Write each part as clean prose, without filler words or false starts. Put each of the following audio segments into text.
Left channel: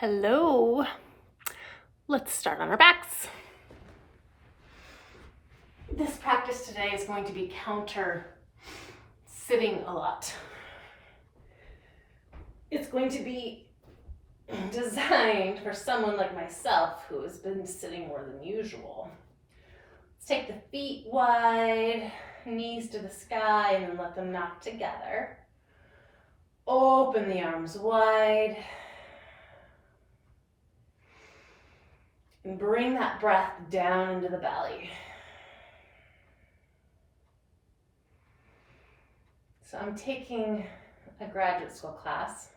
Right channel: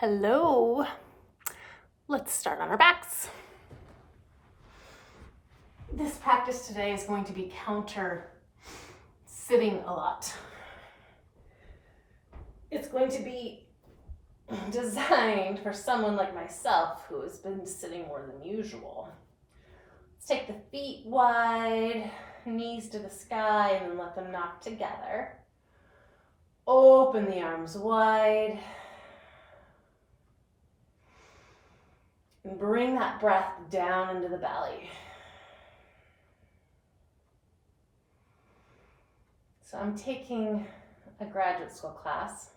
Hello. Let's start on our backs. This practice today is going to be counter sitting a lot. It's going to be designed for someone like myself who has been sitting more than usual. Let's take the feet wide, knees to the sky, and then let them knock together. Open the arms wide. And bring that breath down into the belly. So I'm taking a graduate school class.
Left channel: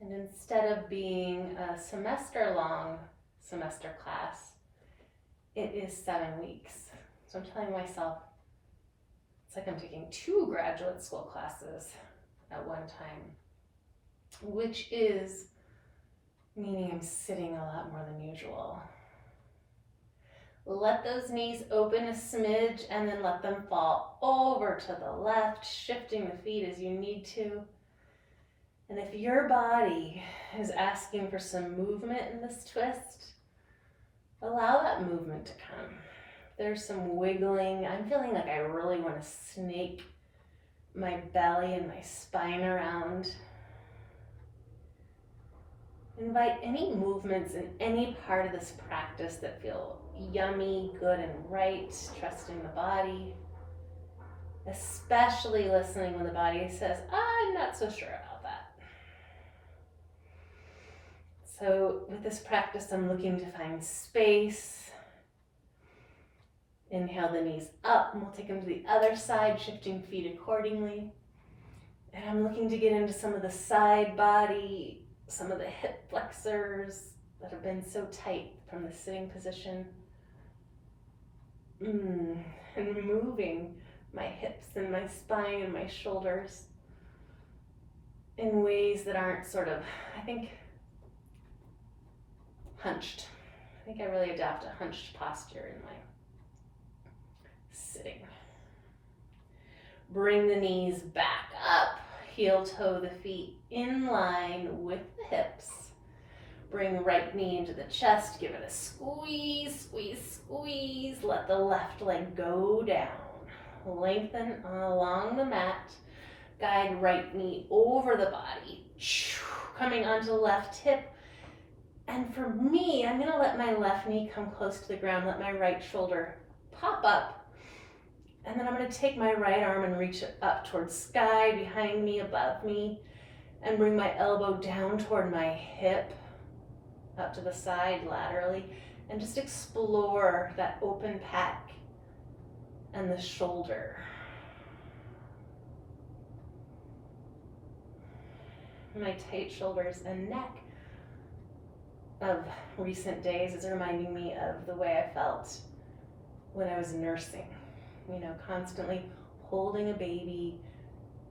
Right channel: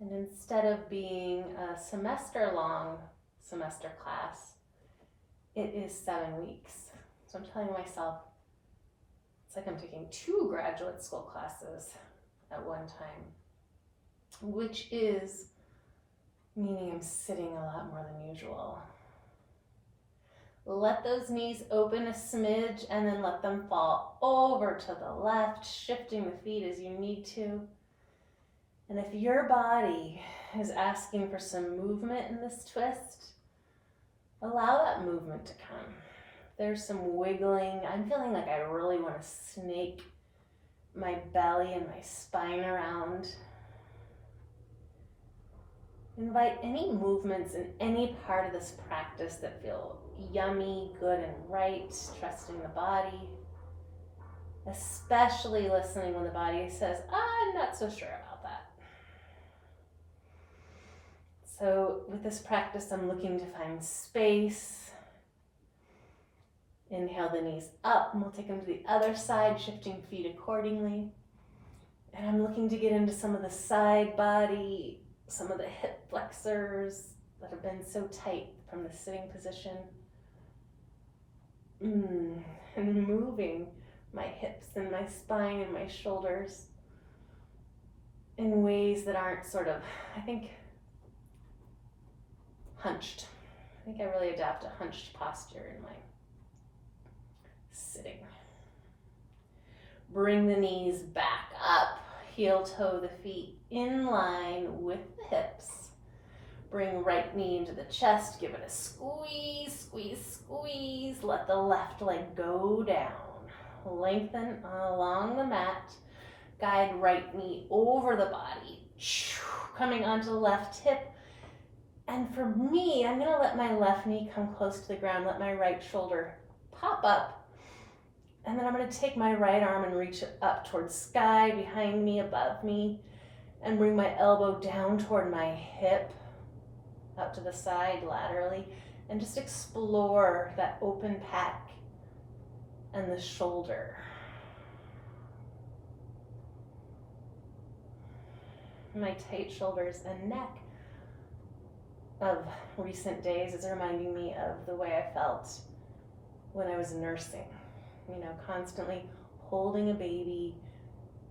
And instead of being a semester-long semester class, it is 7 weeks. So I'm telling myself, it's like I'm taking 2 graduate school classes at one time, which is meaning I'm sitting a lot more than usual. Let those knees open a smidge and then let them fall over to the left, shifting the feet as you need to. And if your body is asking for some movement in this twist, allow that movement to come. There's some wiggling. I'm feeling like I really want to snake my belly and my spine around. Invite any movements in any part of this practice that feel yummy, good, and right, trusting the body. Especially listening when the body says, I'm not so sure about that. So with this practice, I'm looking to find space. Inhale the knees up, and we'll take them to the other side, shifting feet accordingly. And I'm looking to get into some of the side body, some of the hip flexors that have been so tight from the sitting position. And moving my hips and my spine and my shoulders in ways that aren't sort of, I think, hunched. I think I really adopt a hunched posture in my sitting. Bring the knees back up. Heel toe the feet in line with the hips. Bring right knee into the chest. Give it a squeeze, squeeze, squeeze. Let the left leg go down. Lengthen along the mat. Guide right knee over the body. Coming onto the left hip. And for me, I'm going to let my left knee come close to the ground. Let my right shoulder pop up. And then I'm going to take my right arm and reach it up towards sky, behind me, above me, and bring my elbow down toward my hip, up to the side laterally, and just explore that open pec and the shoulder. My tight shoulders and neck of recent days is reminding me of the way I felt when I was nursing. Constantly holding a baby,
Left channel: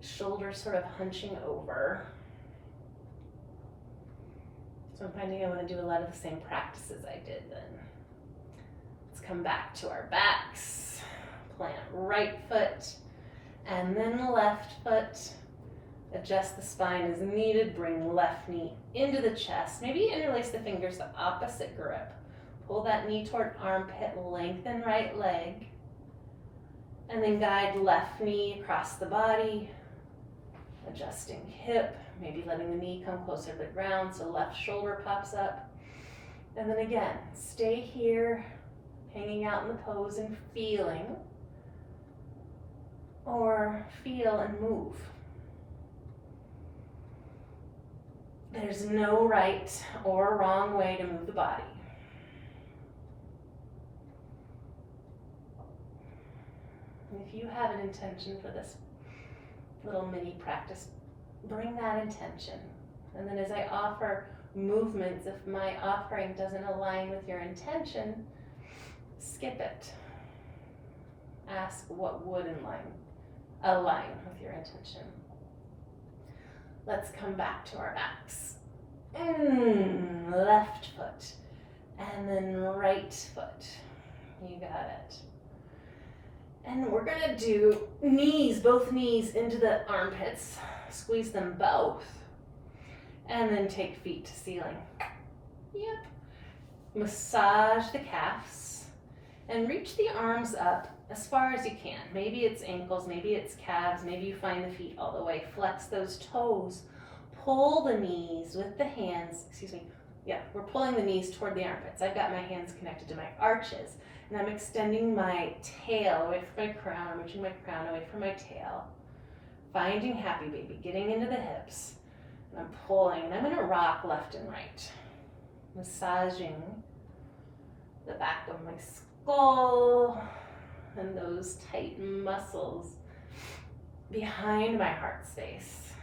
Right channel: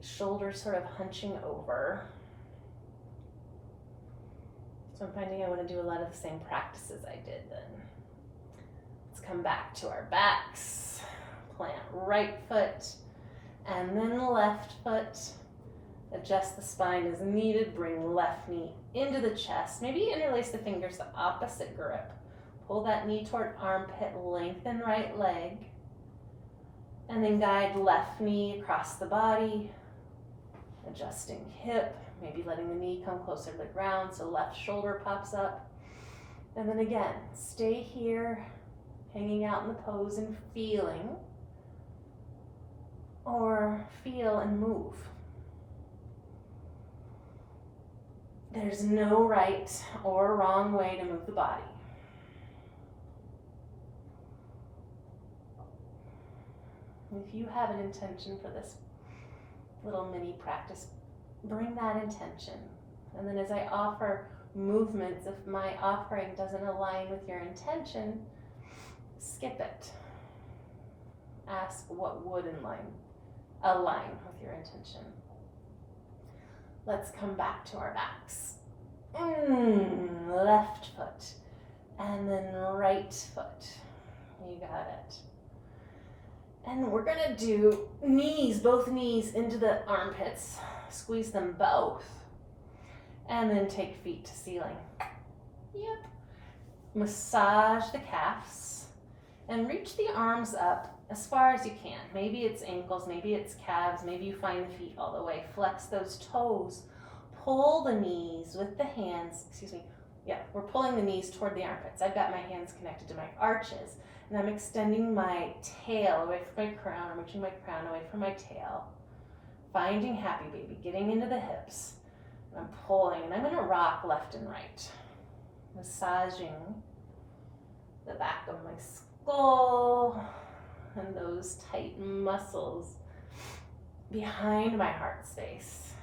shoulders sort of hunching over. So I'm finding I want to do a lot of the same practices I did then. Let's come back to our backs. Plant right foot and then left foot. Adjust the spine as needed. Bring left knee into the chest. Maybe interlace the fingers the opposite grip. Pull that knee toward armpit. Lengthen right leg. And then guide left knee across the body, adjusting hip, maybe letting the knee come closer to the ground so left shoulder pops up. And then again, stay here, hanging out in the pose and feeling, or feel and move. There's no right or wrong way to move the body. If you have an intention for this little mini practice, bring that intention. And then as I offer movements, if my offering doesn't align with your intention, skip it. Ask what would align with your intention. Let's come back to our backs. Left foot, and then right foot. You got it. And we're gonna do both knees into the armpits. Squeeze them both. And then take feet to ceiling. Yep. Massage the calves and reach the arms up as far as you can. Maybe it's ankles, maybe it's calves, maybe you find the feet all the way. Flex those toes. Pull the knees with the hands, we're pulling the knees toward the armpits. I've got my hands connected to my arches, and I'm extending my tail away from my crown. I'm reaching my crown away from my tail. Finding happy baby, getting into the hips. And I'm pulling, and I'm going to rock left and right. Massaging the back of my skull and those tight muscles behind my heart space.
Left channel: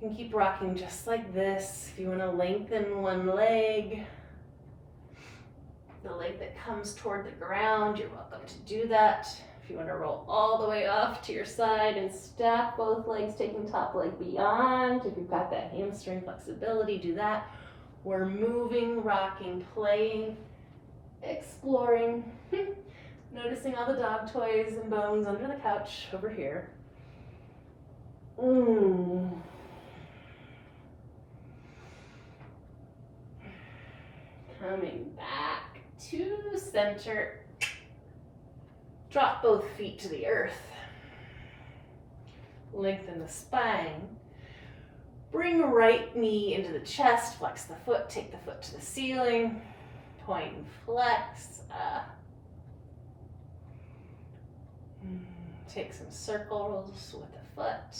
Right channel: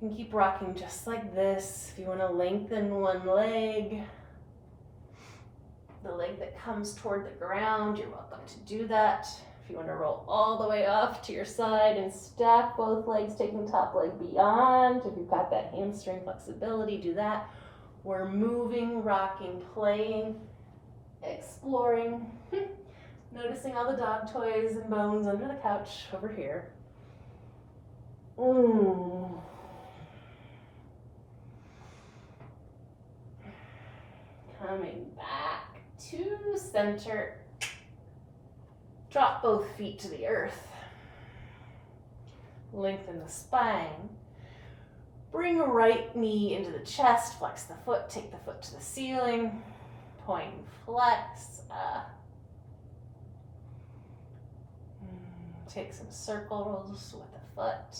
You can keep rocking just like this. If you want to lengthen one leg, the leg that comes toward the ground, you're welcome to do that. If you want to roll all the way off to your side and stack both legs, taking top leg beyond. If you've got that hamstring flexibility, do that. We're moving, rocking, playing, exploring, noticing all the dog toys and bones under the couch over here. Coming back to center. Drop both feet to the earth. Lengthen the spine. Bring right knee into the chest. Flex the foot. Take the foot to the ceiling. Point and flex. Take some circles with the foot.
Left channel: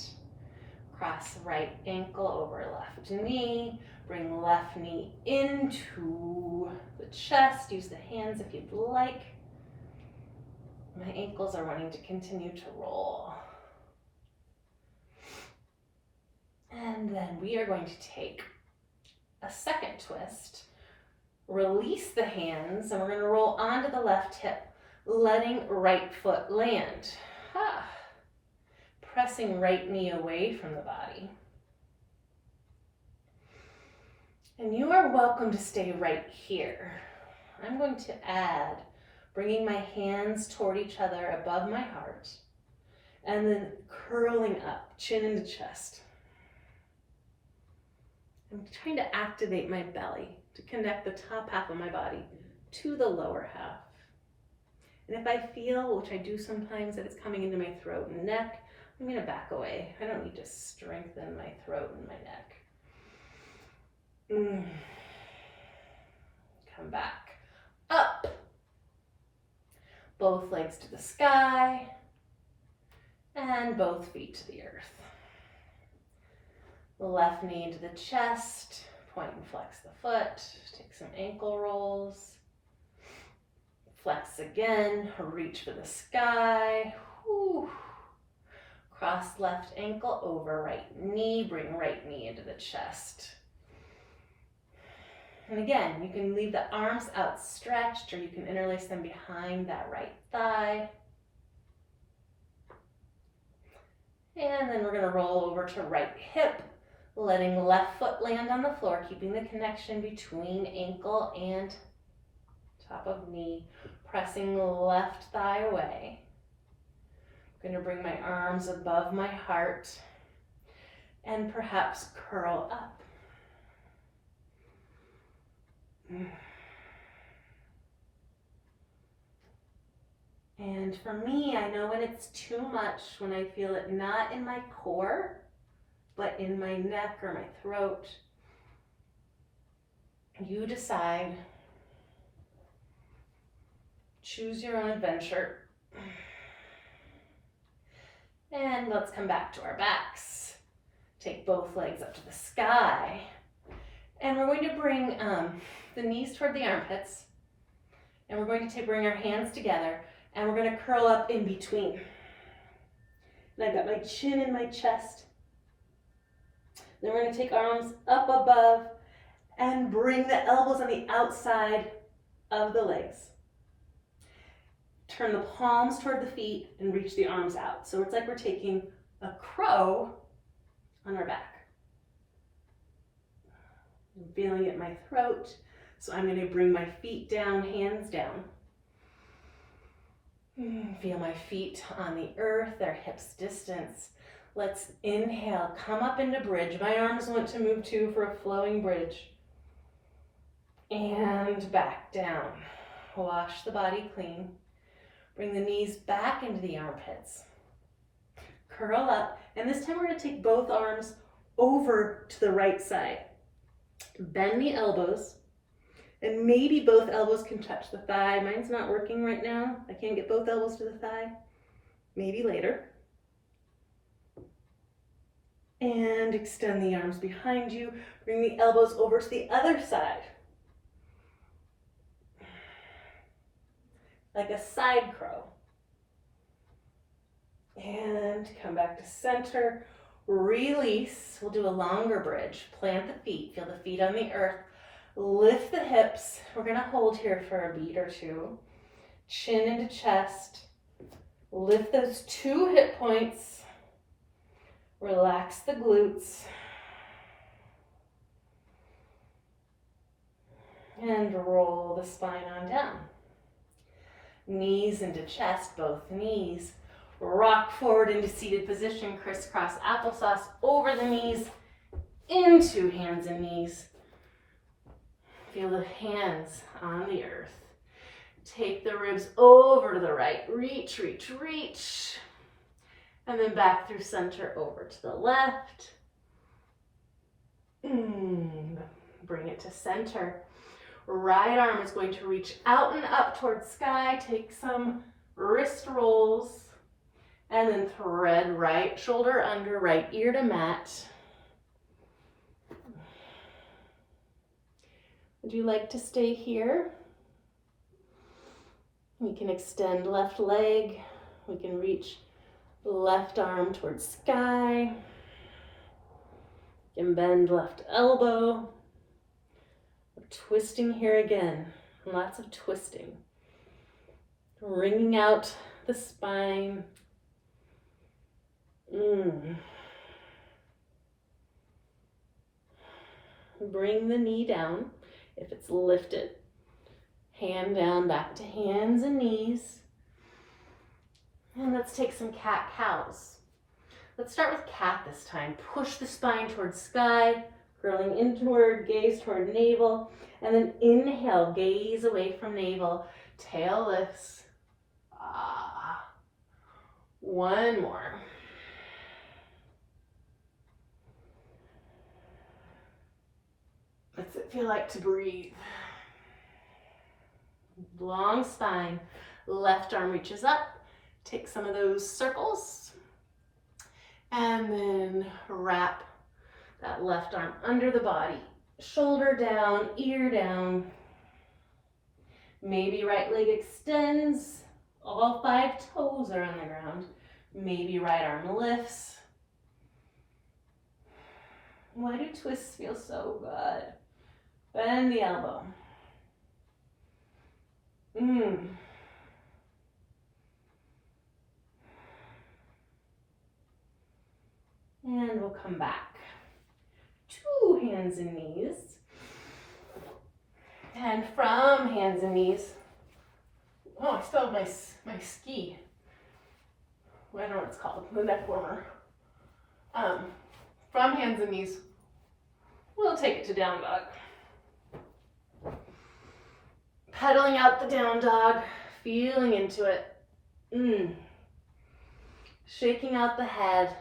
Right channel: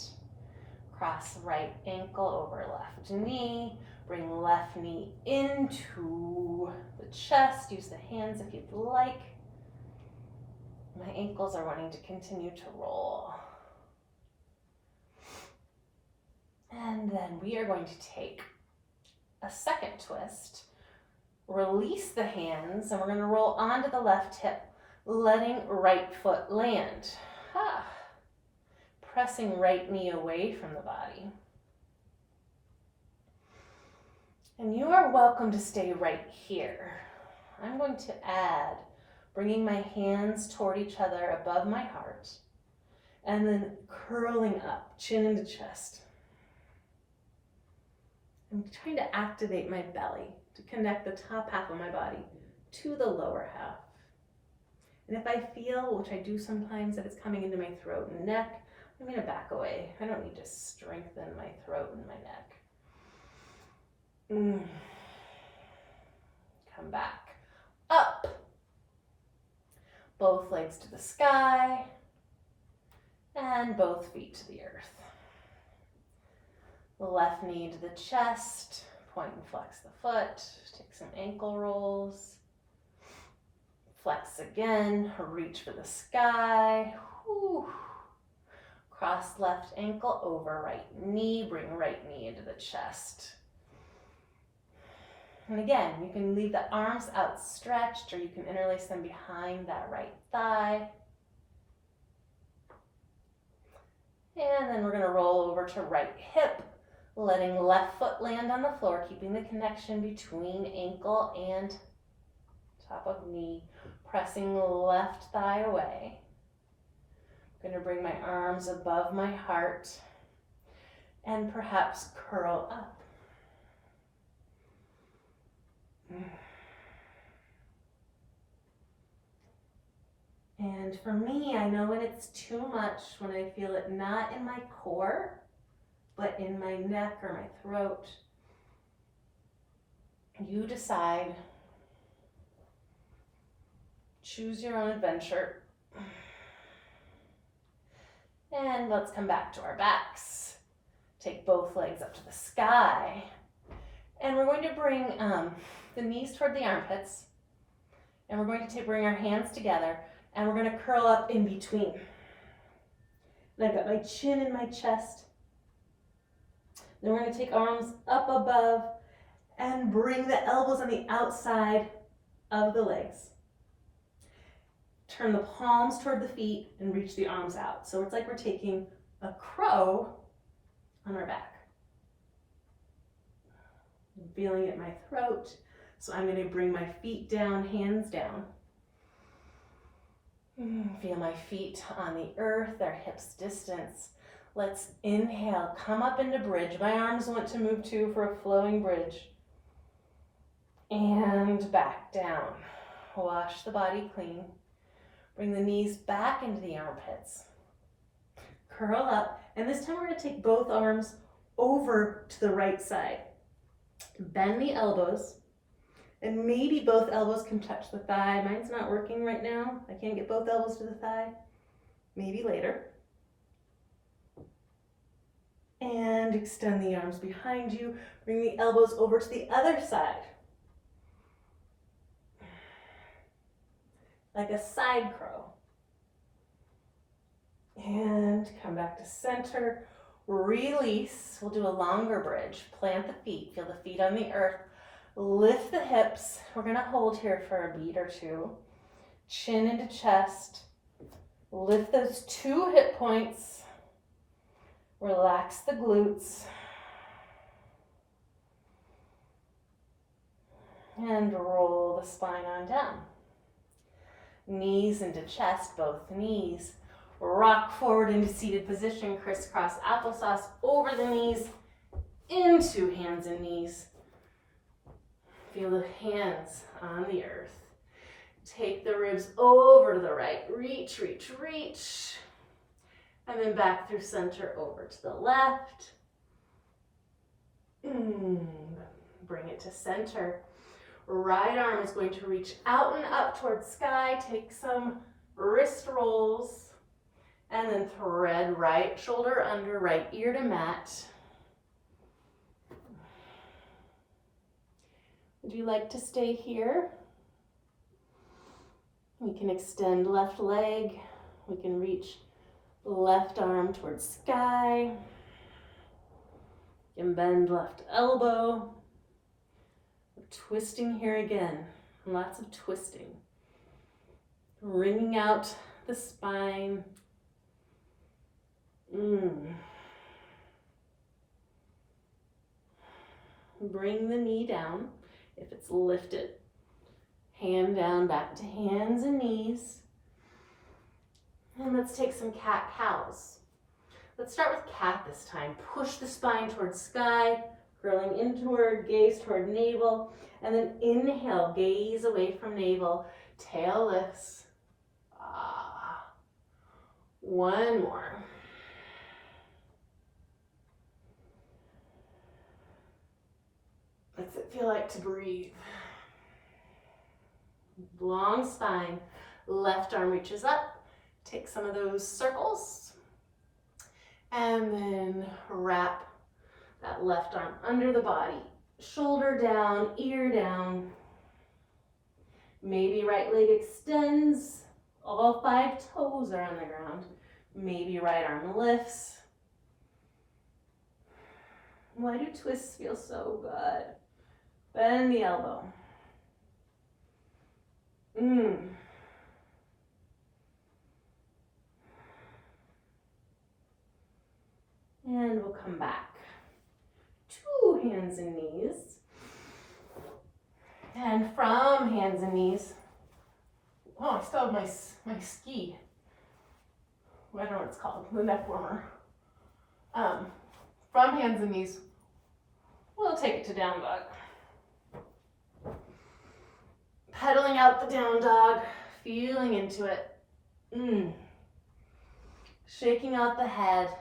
Cross right ankle over left knee. Bring left knee into the chest. Use the hands if you'd like. My ankles are wanting to continue to roll. And then we are going to take a second twist. Release the hands, and we're going to roll onto the left hip, letting right foot land. Pressing right knee away from the body. And you are welcome to stay right here. I'm going to add, bringing my hands toward each other above my heart, and then curling up, chin into chest. I'm trying to activate my belly to connect the top half of my body to the lower half. And if I feel, which I do sometimes, that it's coming into my throat and neck, I'm going to back away. I don't need to strengthen my throat and my neck. Come back. Up. Both legs to the sky. And both feet to the earth. The left knee into the chest. Point and flex the foot. Take some ankle rolls. Flex again. Reach for the sky. Whew. Cross left ankle over right knee. Bring right knee into the chest. And again, you can leave the arms outstretched, or you can interlace them behind that right thigh. And then we're going to roll over to right hip, letting left foot land on the floor, keeping the connection between ankle and top of knee, pressing left thigh away. I'm going to bring my arms above my heart and perhaps curl up. And for me, I know when it's too much, when I feel it not in my core, but in my neck or my throat. You decide. Choose your own adventure. And let's come back to our backs. Take both legs up to the sky. And we're going to bring the knees toward the armpits. And we're going to bring our hands together. And we're going to curl up in between. And I've got my chin in my chest. Then we're going to take arms up above and bring the elbows on the outside of the legs. Turn the palms toward the feet and reach the arms out. So it's like we're taking a crow on our back. I'm feeling it in my throat. So I'm going to bring my feet down, hands down. Feel my feet on the earth, their hips distance. Let's inhale, come up into bridge. My arms want to move too for a flowing bridge. And back down. Wash the body clean. Bring the knees back into the armpits. Curl up, and this time we're gonna take both arms over to the right side. Bend the elbows, and maybe both elbows can touch the thigh. Mine's not working right now. I can't get both elbows to the thigh. Maybe later. And extend the arms behind you. Bring the elbows over to the other side. Like a side crow. And come back to center. Release. We'll do a longer bridge. Plant the feet. Feel the feet on the earth. Lift the hips. We're going to hold here for a beat or two. Chin into chest. Lift those 2 hip points. Relax the glutes. And roll the spine on down. Knees into chest, both knees. Rock forward into seated position, crisscross applesauce over the knees, into hands and knees. Feel the hands on the earth. Take the ribs over to the right. Reach, reach, reach. And then back through center over to the left. Bring it to center. Right arm is going to reach out and up towards sky. Take some wrist rolls. And then thread right shoulder under, right ear to mat. Would you like to stay here? We can extend left leg. We can reach left arm towards sky. You can bend left elbow. We're twisting here again. Lots of twisting. Wringing out the spine. Bring the knee down if it's lifted. Hand down, back to hands and knees. And let's take some cat-cows. Let's start with cat this time. Push the spine towards sky, curling inward, gaze toward navel, and then inhale, gaze away from navel, tail lifts. One more. What's it feel like to breathe? Long spine, left arm reaches up. Take some of those circles and then wrap that left arm under the body. Shoulder down, ear down. Maybe right leg extends. All 5 toes are on the ground. Maybe right arm lifts. Why do twists feel so good? Bend the elbow. And we'll come back. 2 hands and knees. And from hands and knees, I still have my ski. I don't know what it's called, the neck warmer. From hands and knees, we'll take it to down dog. Pedaling out the down dog, feeling into it. Shaking out the head.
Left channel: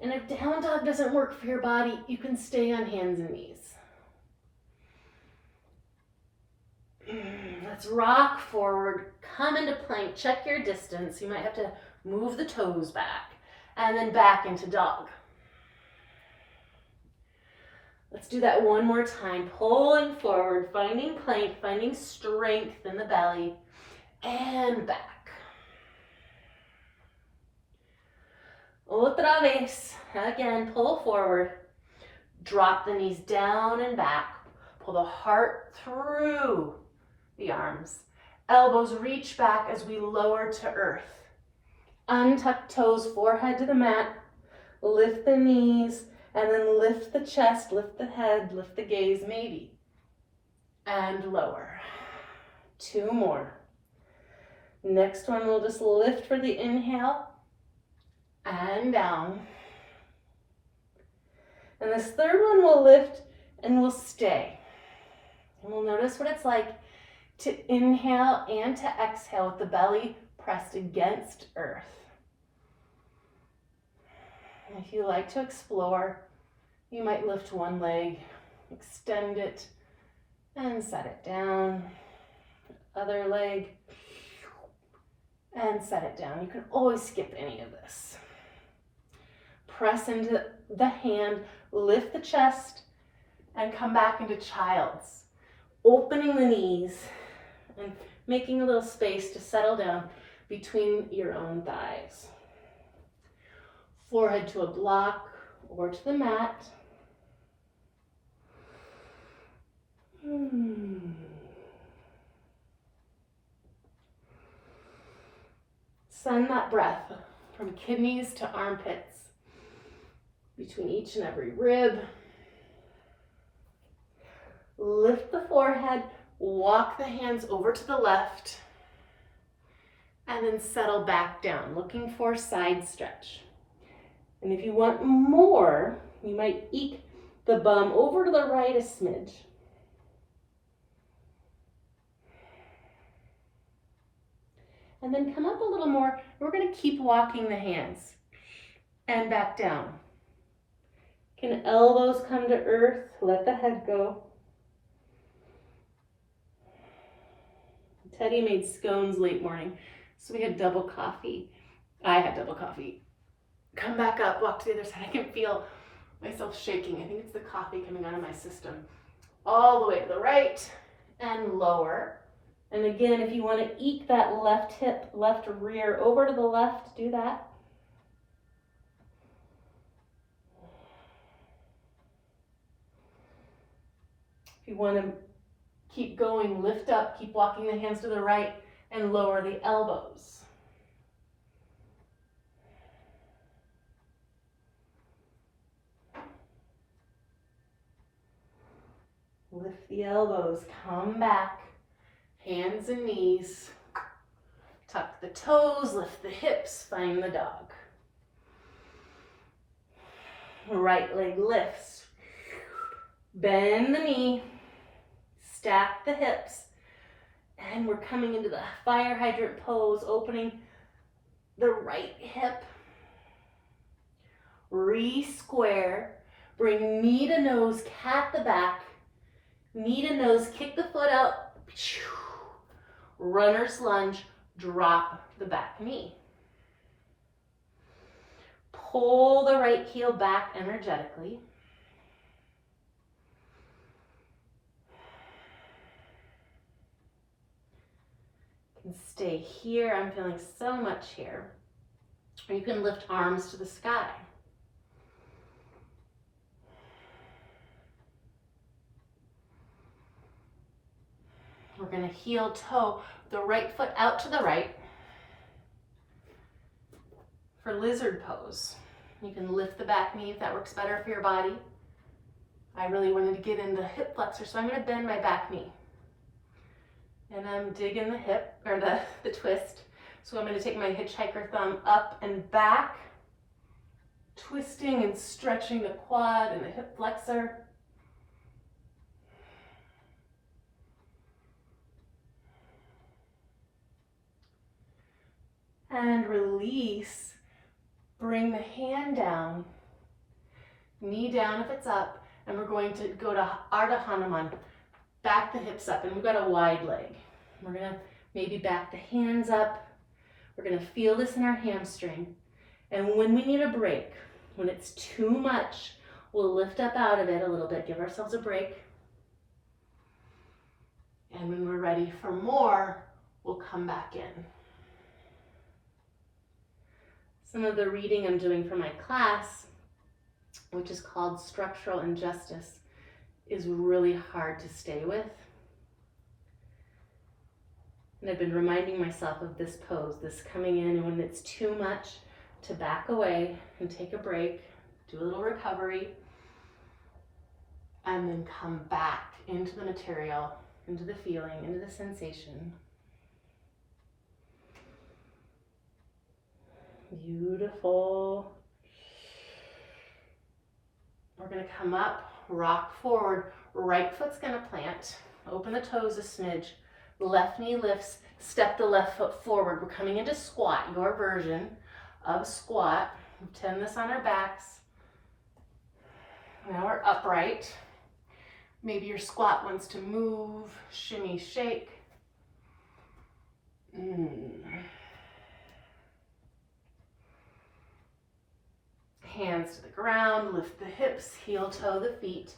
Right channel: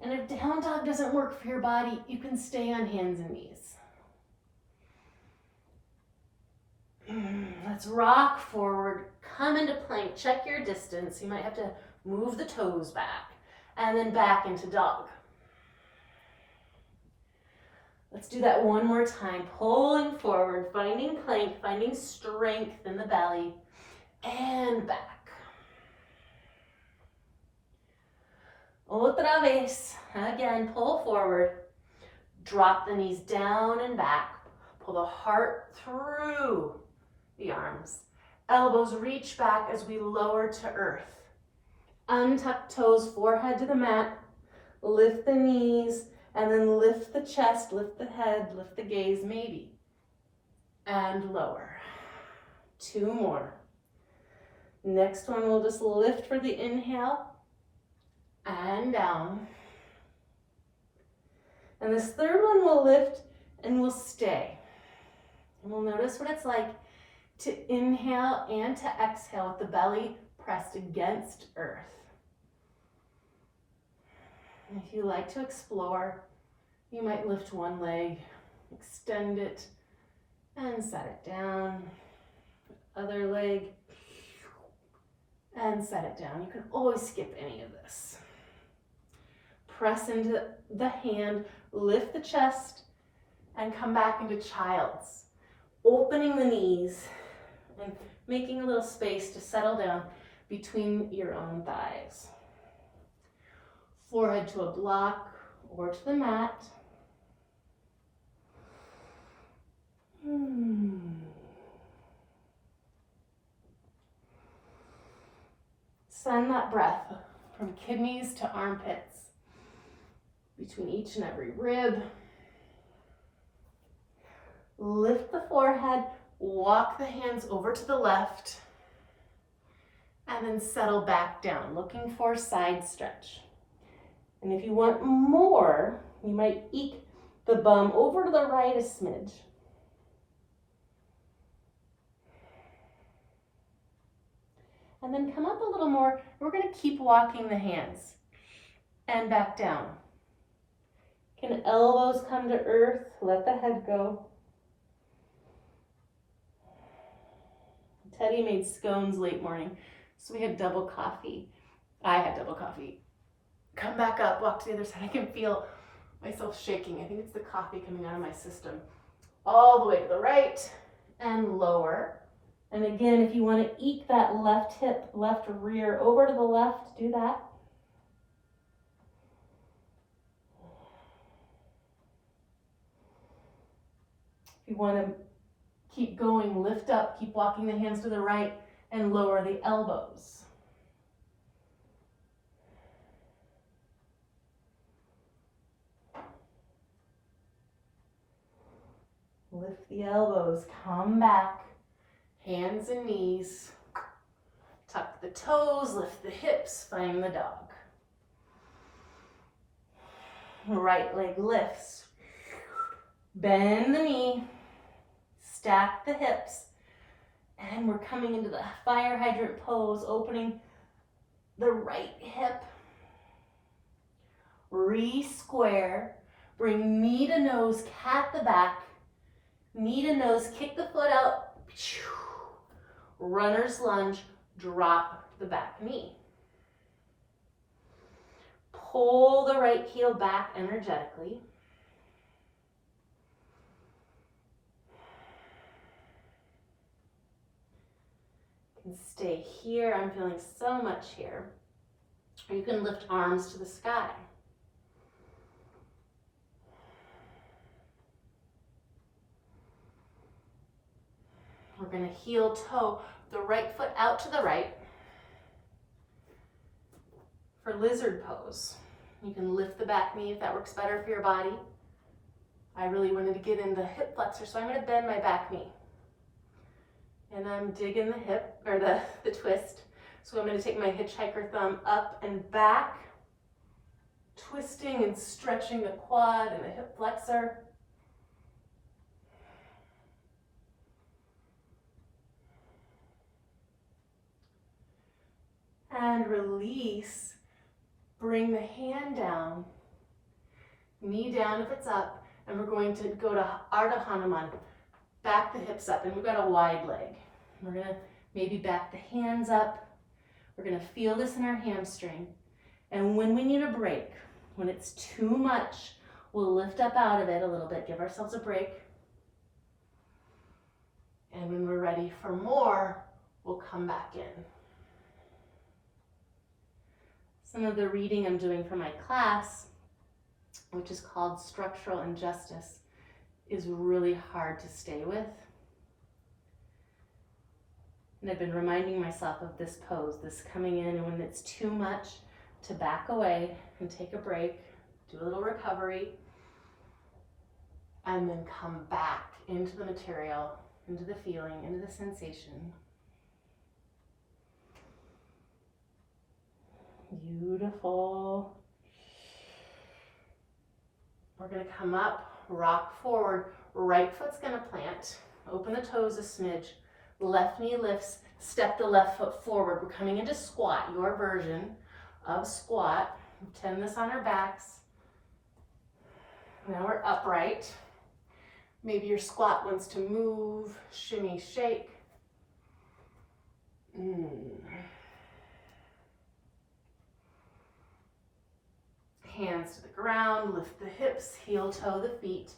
And if down dog doesn't work for your body, you can stay on hands and knees. Let's rock forward, come into plank, check your distance. You might have to move the toes back, and then back into dog. Let's do that one more time, pulling forward, finding plank, finding strength in the belly, and back. Otra vez. Again, pull forward, drop the knees down and back, pull the heart through the arms. Elbows reach back as we lower to earth. Untuck toes, forehead to the mat. Lift the knees, and then lift the chest, lift the head, lift the gaze, maybe. And lower. 2 more. Next one, we'll just lift for the inhale. and down. And this third one will lift and will stay. And we'll notice what it's like to inhale and to exhale with the belly pressed against earth. And if you like to explore, you might lift one leg, extend it, and set it down. Other leg, and set it down. You can always skip any of this. Press into the hand, lift the chest, and come back into child's. Opening the knees and making a little space to settle down between your own thighs. Forehead to a block or to the mat. Send that breath from kidneys to armpits, between each and every rib. Lift the forehead, walk the hands over to the left, and then settle back down, looking for side stretch. And if you want more, you might eke the bum over to the right a smidge. And then come up a little more. We're going to keep walking the hands and back down. Can elbows come to earth? Let the head go. Teddy made scones late morning, so we had double coffee. I had double coffee. Come back up, walk to the other side. I can feel myself shaking. I think it's the coffee coming out of my system. All the way to the right and lower. And again, if you want to eke that left hip, left rear over to the left, do that. If you want to keep going, lift up, keep walking the hands to the right and lower the elbows. Lift the elbows, come back, hands and knees. Tuck the toes, lift the hips, find the dog. Right leg lifts. Bend the knee. Stack the hips, and we're coming into the fire hydrant pose, opening the right hip, re-square, bring knee to nose, cat the back, knee to nose, kick the foot out, runner's lunge, drop the back knee. Pull the right heel back energetically. Stay here. I'm feeling so much here. Or you can lift arms to the sky. We're going to heel toe the right foot out to the right for lizard pose. You can lift the back knee if that works better for your body. I really wanted to get in the hip flexor, so I'm going to bend my back knee. And I'm digging the hip, or the twist. So I'm going to take my hitchhiker thumb up and back, twisting and stretching the quad and the hip flexor. And release. Bring the hand down, knee down if it's up, and we're going to go to Ardha Hanuman. Back the hips up, and we've got a wide leg. We're going to maybe back the hands up. We're going to feel this in our hamstring. And when we need a break, when it's too much, we'll lift up out of it a little bit, give ourselves a break. And when we're ready for more, we'll come back in. Some of the reading I'm doing for my class, which is called Structural Injustice, is really hard to stay with. And I've been reminding myself of this pose, this coming in, and when it's too much, to back away and take a break, do a little recovery, and then come back into the material, into the feeling, into the sensation. Beautiful. We're going to come up, rock forward. Right foot's going to plant. Open the toes a smidge. Left knee lifts. Step the left foot forward. We're coming into squat, your version of squat. Pretend this on our backs. Now we're upright. Maybe your squat wants to move, shimmy, shake. Hands to the ground, lift the hips, heel toe the feet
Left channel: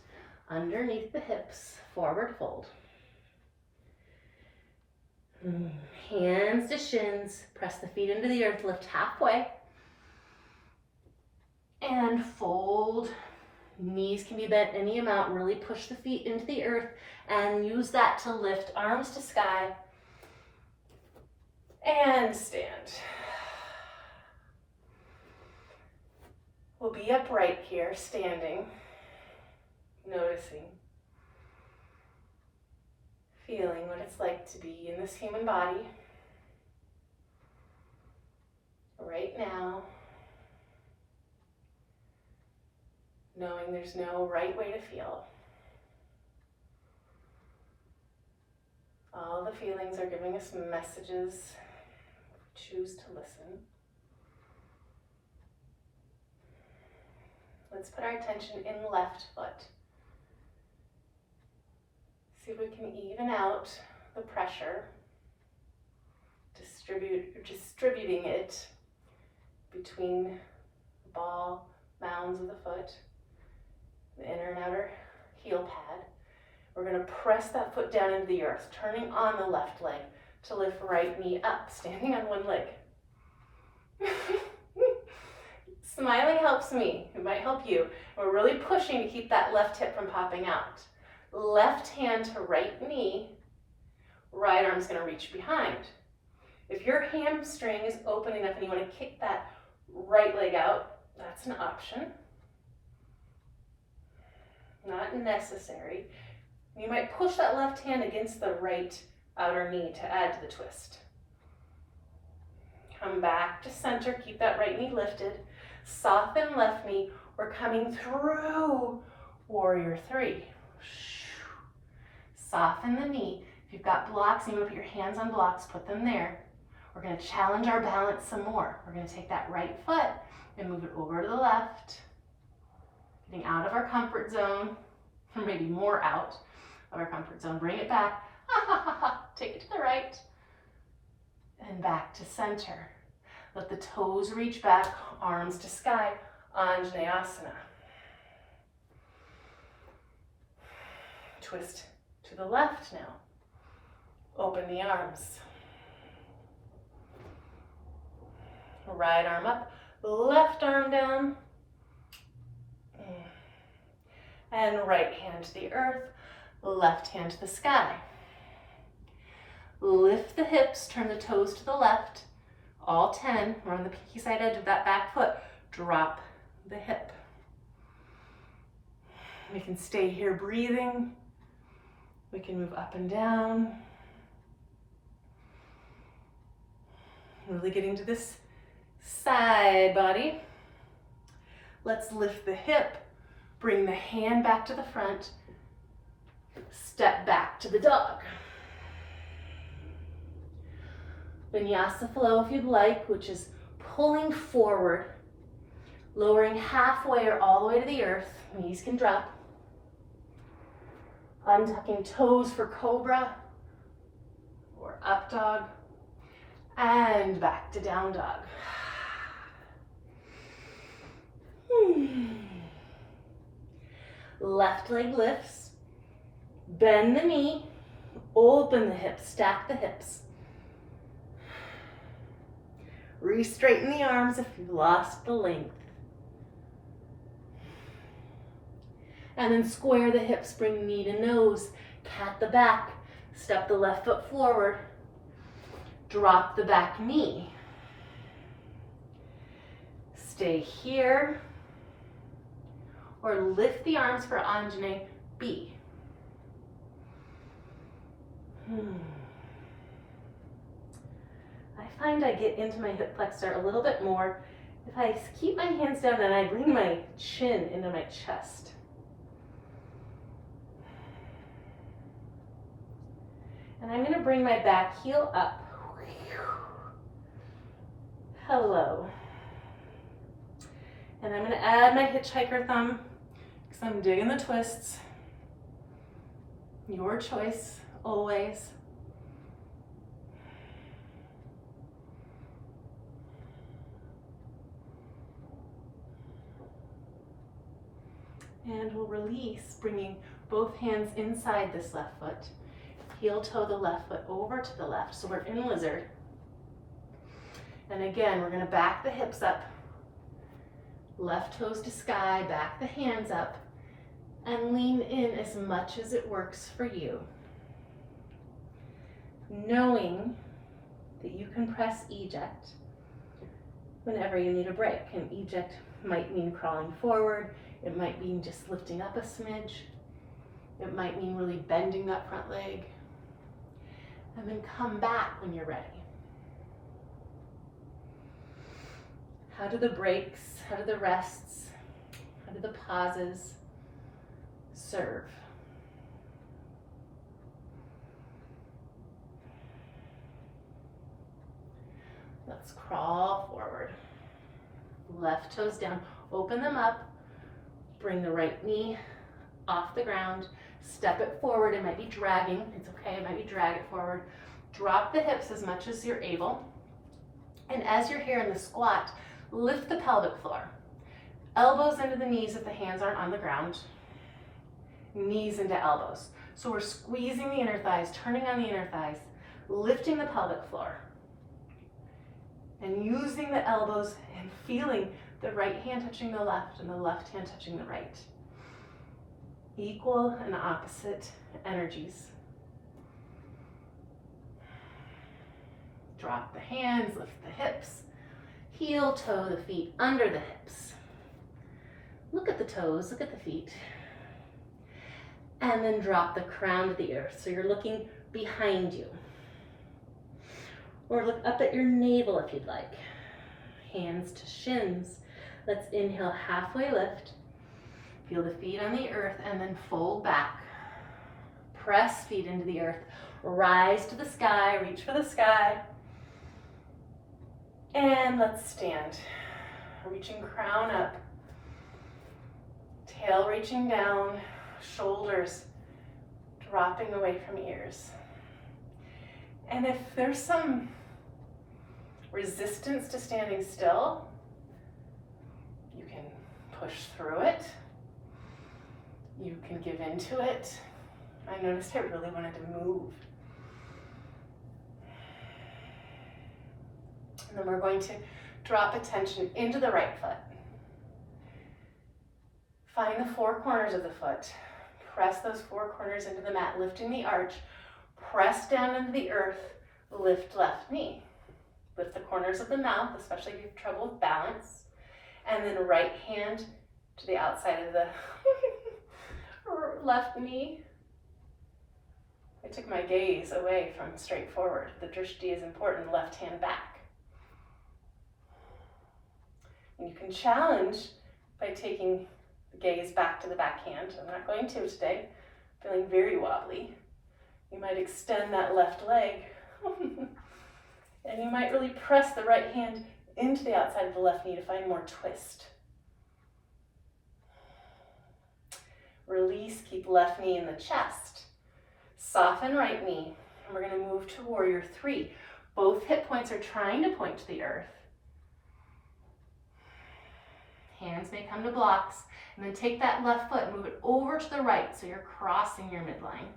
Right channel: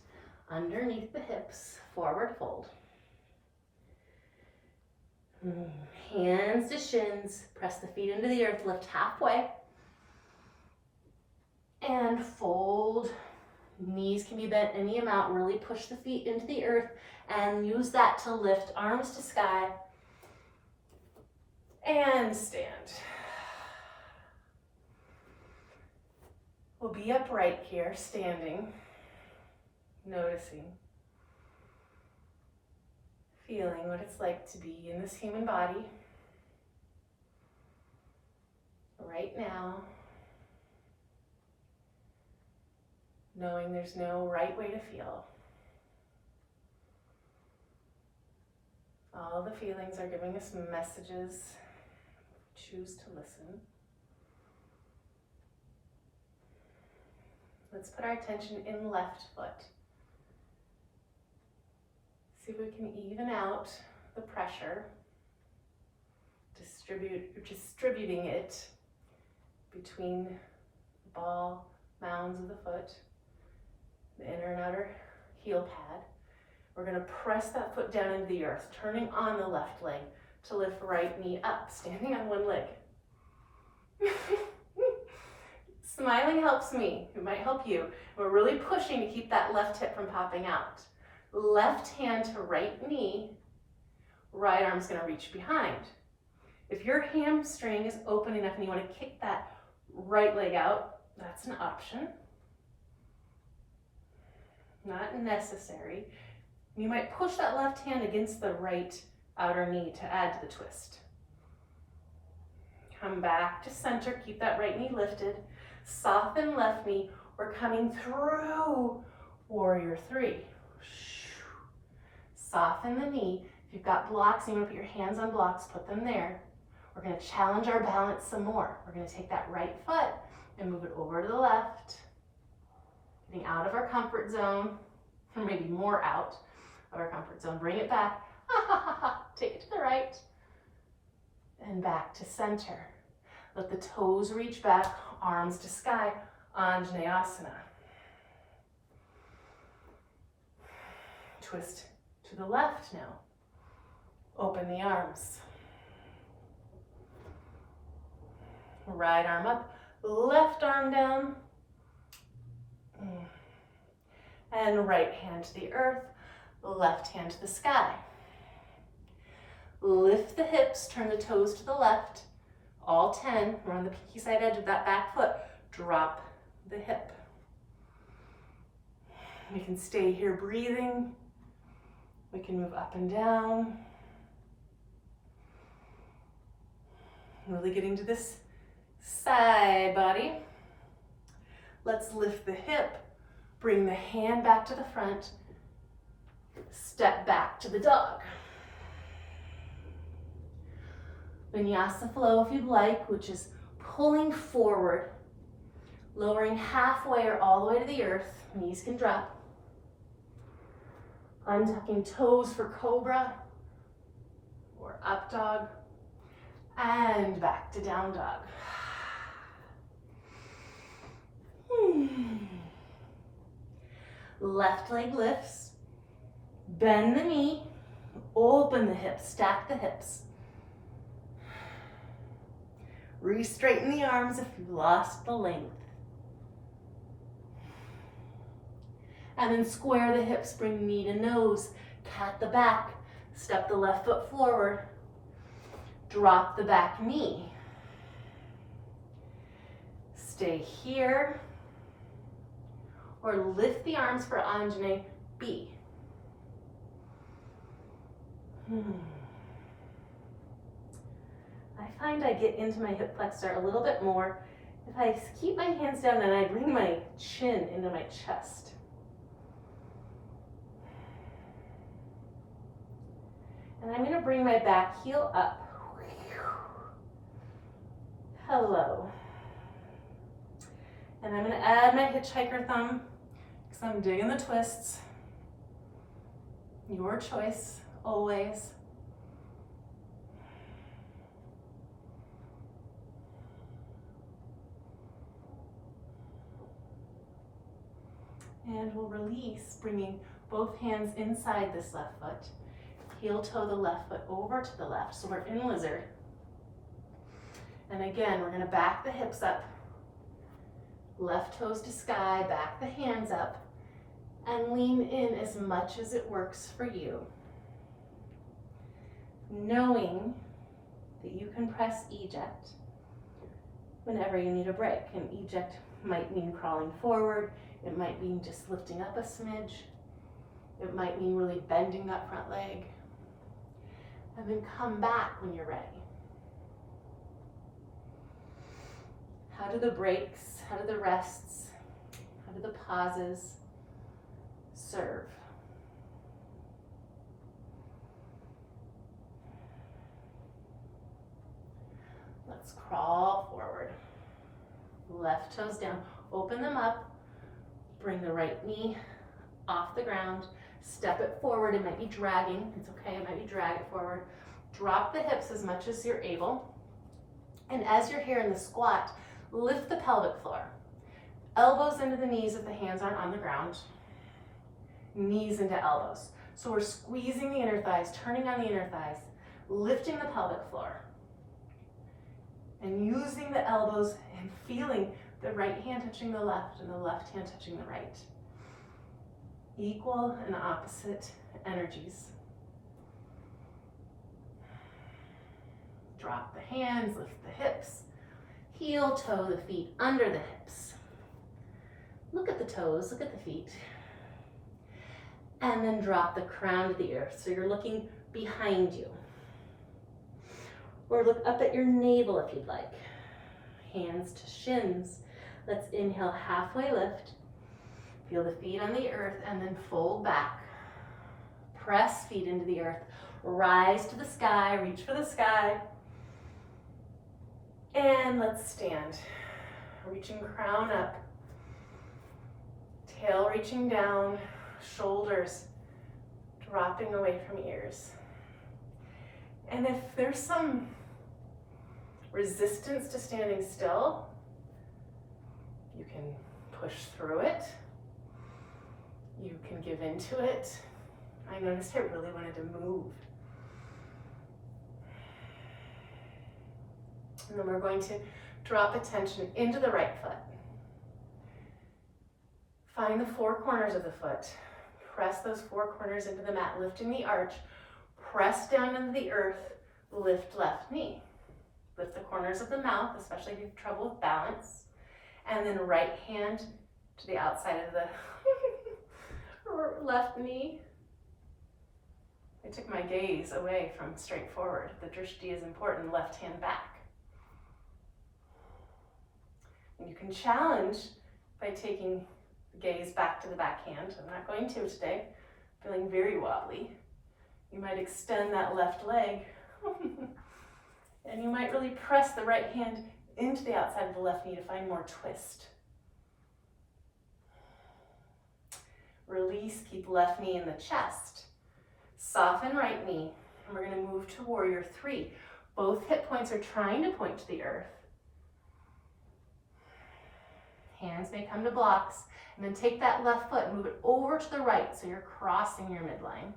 underneath the hips, forward fold. Hands to shins, press the feet into the earth, lift halfway. And fold. Knees can be bent any amount, really push the feet into the earth and use that to lift arms to sky. And stand. We'll be upright here, standing, noticing, feeling what it's like to be in this human body right now, knowing there's no right way to feel. All the feelings are giving us messages. Choose to listen. Let's put our attention in left foot. See if we can even out the pressure, distributing it between the ball mounds of the foot, the inner and outer heel pad. We're going to press that foot down into the earth, turning on the left leg to lift right knee up, standing on one leg. Smiling helps me, it might help you. We're really pushing to keep that left hip from popping out. Left hand to right knee, right arm's gonna reach behind. If your hamstring is open enough and you wanna kick that right leg out, that's an option. Not necessary. You might push that left hand against the right outer knee to add to the twist. Come back to center, keep that right knee lifted. Soften left knee. We're coming through warrior three. Soften the knee. If you've got blocks and you want to put your hands on blocks, put them there. We're going to challenge our balance some more. We're going to take that right foot and move it over to the left, getting out of our comfort zone, or maybe more out of our comfort zone. Bring it back. Take it to the right and back to center. Let the toes reach back, arms to sky, Anjaneyasana. Twist to the left now. Open the arms. Right arm up, left arm down. And right hand to the earth, left hand to the sky. Lift the hips, turn the toes to the left. All 10, we're on the pinky side edge of that back foot. Drop the hip. We can stay here breathing. We can move up and down. Really getting to this side body. Let's lift the hip. Bring the hand back to the front. Step back to the dog. Vinyasa flow if you'd like, which is pulling forward, lowering halfway or all the way to the earth. Knees can drop. Untucking toes for cobra or up dog. And back to down dog. Left leg lifts. Bend the knee. Open the hips. Stack the hips. Re-straighten the arms if you've lost the length. And then square the hips, bring knee to nose, cat the back, step the left foot forward, drop the back knee. Stay here, or lift the arms for Anjane B. I find I get into my hip flexor a little bit more if I keep my hands down and I bring my chin into my chest. And I'm going to bring my back heel up. Hello. And I'm going to add my hitchhiker thumb because I'm digging the twists. Your choice, always. And we'll release, bringing both hands inside this left foot. Heel toe the left foot over to the left. So we're in lizard. And again, we're going to back the hips up. Left toes to sky, back the hands up, and lean in as much as it works for you. Knowing that you can press eject whenever you need a break. And eject might mean crawling forward. It might mean just lifting up a smidge. It might mean really bending that front leg. And then come back when you're ready. How do the breaks, how do the rests, how do the pauses serve? Let's crawl forward. Left toes down, open them up, bring the right knee off the ground, step it forward. It might be dragging, it's okay, it might be drag it forward. Drop the hips as much as you're able. And as you're here in the squat, lift the pelvic floor. Elbows into the knees if the hands aren't on the ground. Knees into elbows. So we're squeezing the inner thighs, turning on the inner thighs, lifting the pelvic floor. And using the elbows and feeling the right hand touching the left and the left hand touching the right. Equal and opposite energies. Drop the hands, lift the hips. Heel toe the feet under the hips. Look at the toes, look at the feet. And then drop the crown to the earth. So you're looking behind you. Or look up at your navel if you'd like. Hands to shins. Let's inhale, halfway lift. Feel the feet on the earth and then fold back. Press feet into the earth. Rise to the sky, reach for the sky. And let's stand. Reaching crown up. Tail reaching down. Shoulders dropping away from ears. And if there's some resistance to standing still, you can push through it. You can give into it. I noticed I really wanted to move. And then we're going to drop attention into the right foot. Find the four corners of the foot. Press those four corners into the mat, lifting the arch. Press down into the earth, lift left knee. Lift the corners of the mouth, especially if you have trouble with balance. And then right hand to the outside of the left knee. I took my gaze away from straight forward. The drishti is important, left hand back. And you can challenge by taking the gaze back to the back hand. I'm not going to today, feeling very wobbly. You might extend that left leg. And you might really press the right hand into the outside of the left knee to find more twist. Release, keep left knee in the chest. Soften right knee, and we're going to move to warrior three. Both hip points are trying to point to the earth. Hands may come to blocks, and then take that left foot and move it over to the right so you're crossing your midline.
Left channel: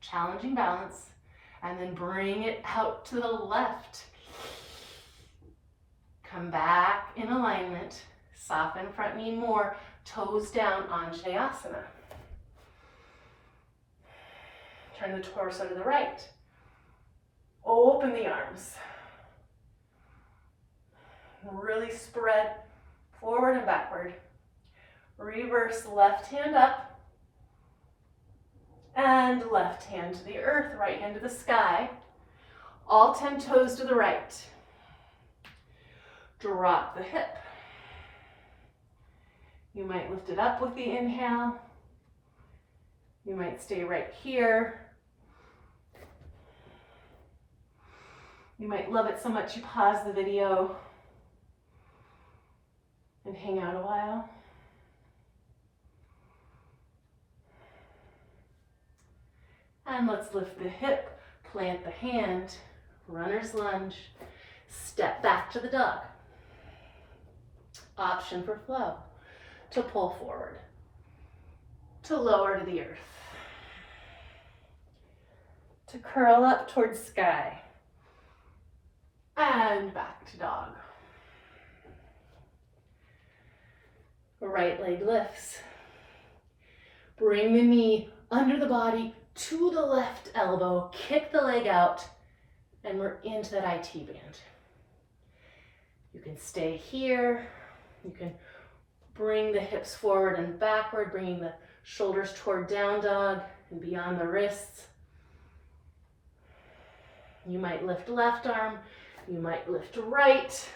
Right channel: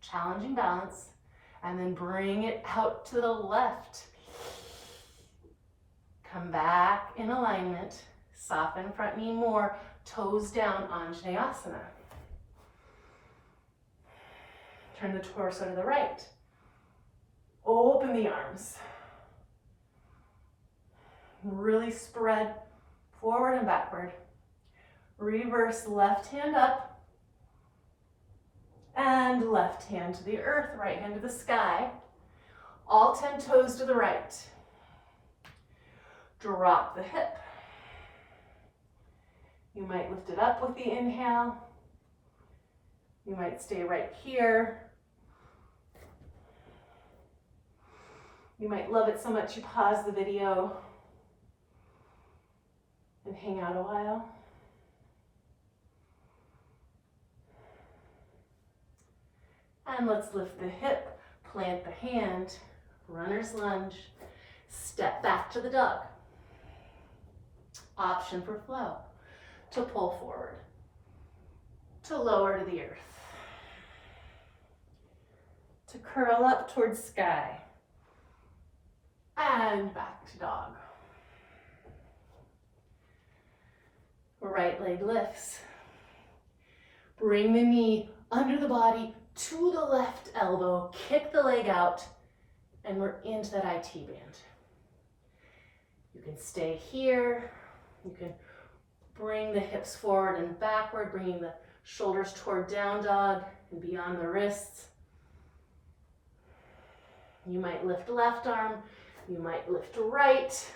Challenging balance, and then bring it out to the left. Come back in alignment, soften front knee more, toes down, Anjaneyasana. Turn the torso to the right. Open the arms. Really spread forward and backward. Reverse left hand up and left hand to the earth, right hand to the sky. All 10 toes to the right. Drop the hip. You might lift it up with the inhale. You might stay right here. You might love it so much you pause the video and hang out a while. And let's lift the hip, plant the hand, runner's lunge, step back to the dog. Option for flow, to pull forward, to lower to the earth, to curl up towards sky, and back to dog. Right leg lifts. Bring the knee under the body to the left elbow, kick the leg out, and we're into that IT band. You can stay here. You can bring the hips forward and backward, bringing the shoulders toward down dog and beyond the wrists. You might lift left arm. You might lift right.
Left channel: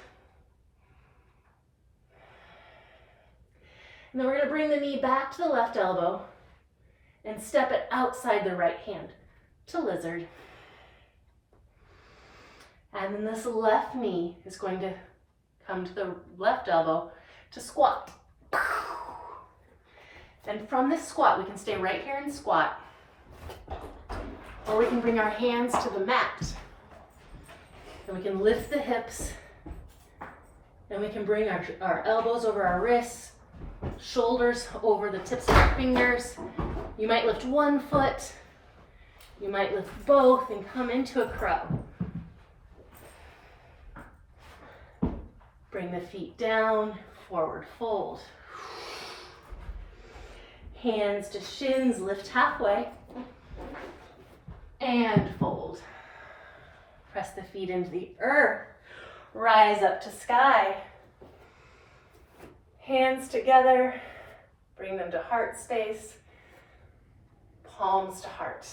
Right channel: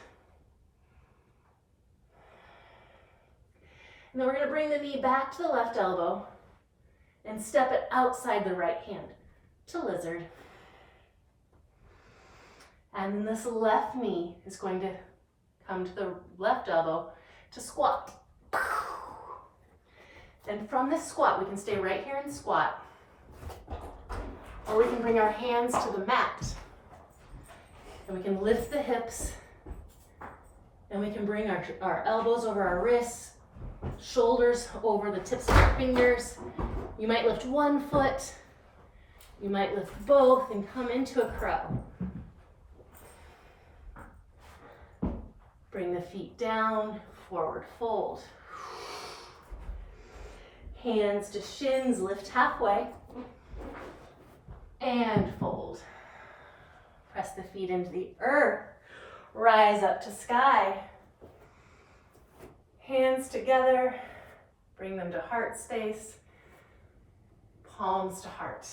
And then we're going to bring the knee back to the left elbow and step it outside the right hand to lizard. And then this left knee is going to come to the left elbow to squat. And from this squat, we can stay right here and squat, or we can bring our hands to the mat. And we can lift the hips, and we can bring our elbows over our wrists, shoulders over the tips of our fingers. You might lift one foot, you might lift both and come into a crow. Bring the feet down, forward fold. Hands to shins, lift halfway, and fold. Press the feet into the earth, rise up to sky. Hands together, bring them to heart space, palms to heart.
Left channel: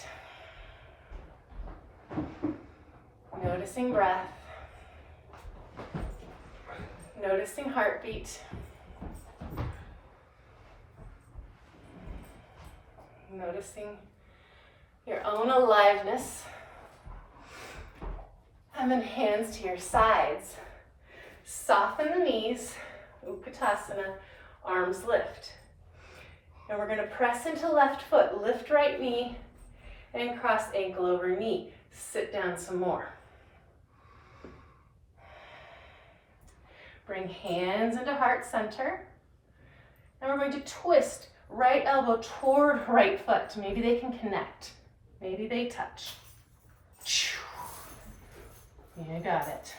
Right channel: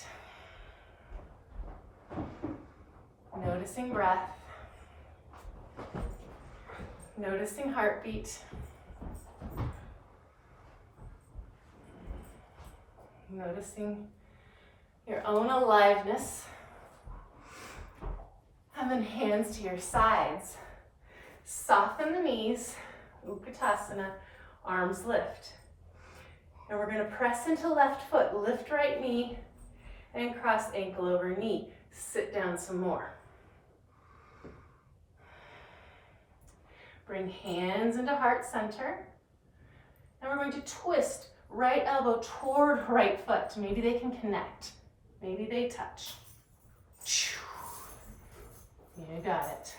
Noticing breath, noticing heartbeat, noticing your own aliveness, and then hands to your sides. Soften the knees, Utkatasana, arms lift. And we're going to press into left foot, lift right knee, and cross ankle over knee. Sit down some more. Bring hands into heart center. And we're going to twist right elbow toward right foot. Maybe they can connect. Maybe they touch. You got it.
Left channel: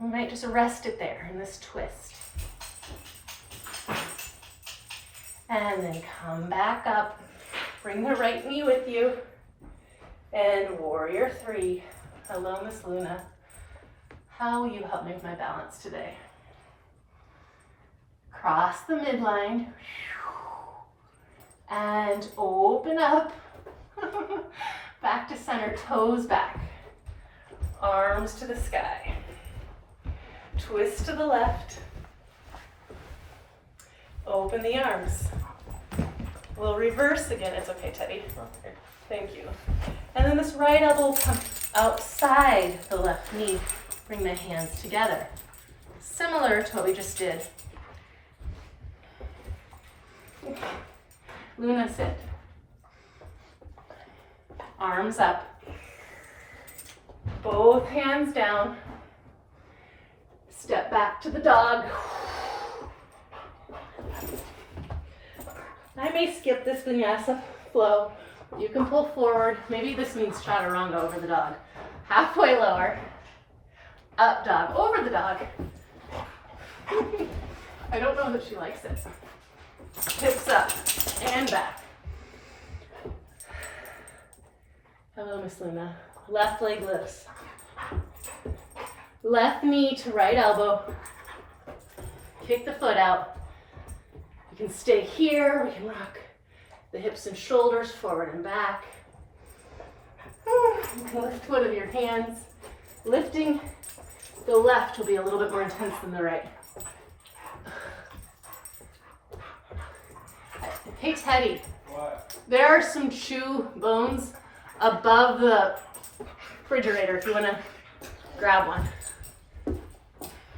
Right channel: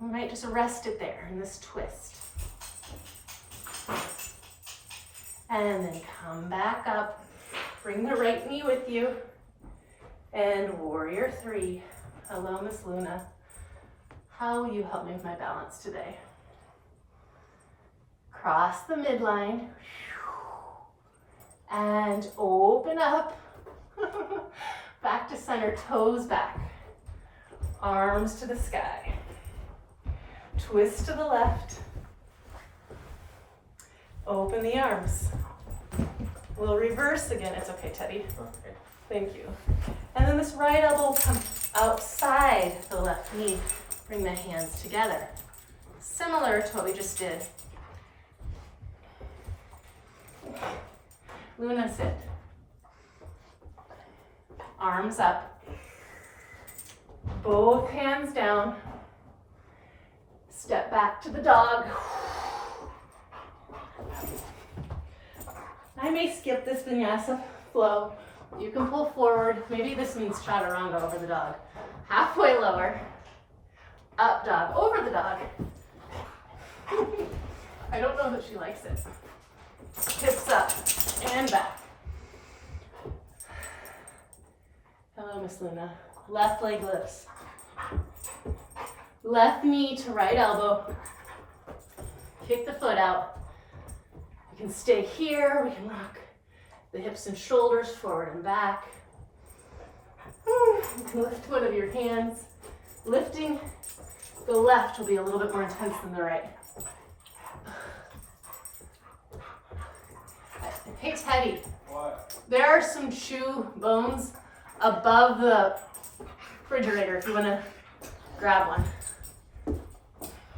We might just rest it there in this twist. And then come back up. Bring the right knee with you. And warrior three. Hello, Miss Luna. How will you help me with my balance today? Cross the midline. And open up. Back to center, toes back. Arms to the sky. Twist to the left. Open the arms. We'll reverse again. It's okay, Teddy. Okay. Thank you. And then this right elbow will come outside the left knee. Bring the hands together. Similar to what we just did. Luna, sit. Arms up. Both hands down. Step back to the dog. I may skip this vinyasa flow. You can pull forward. Maybe this means chaturanga over the dog. Halfway lower. Up dog, over the dog. I don't know that she likes it. Hips up and back. Hello, Miss Luna. Left leg lifts. Left knee to right elbow. Kick the foot out. You can stay here. We can rock the hips and shoulders forward and back. You can lift one of your hands. Lifting The left will be a little bit more intense than the right. Hey Teddy, What? there are some chew bones above the refrigerator if you want to grab one.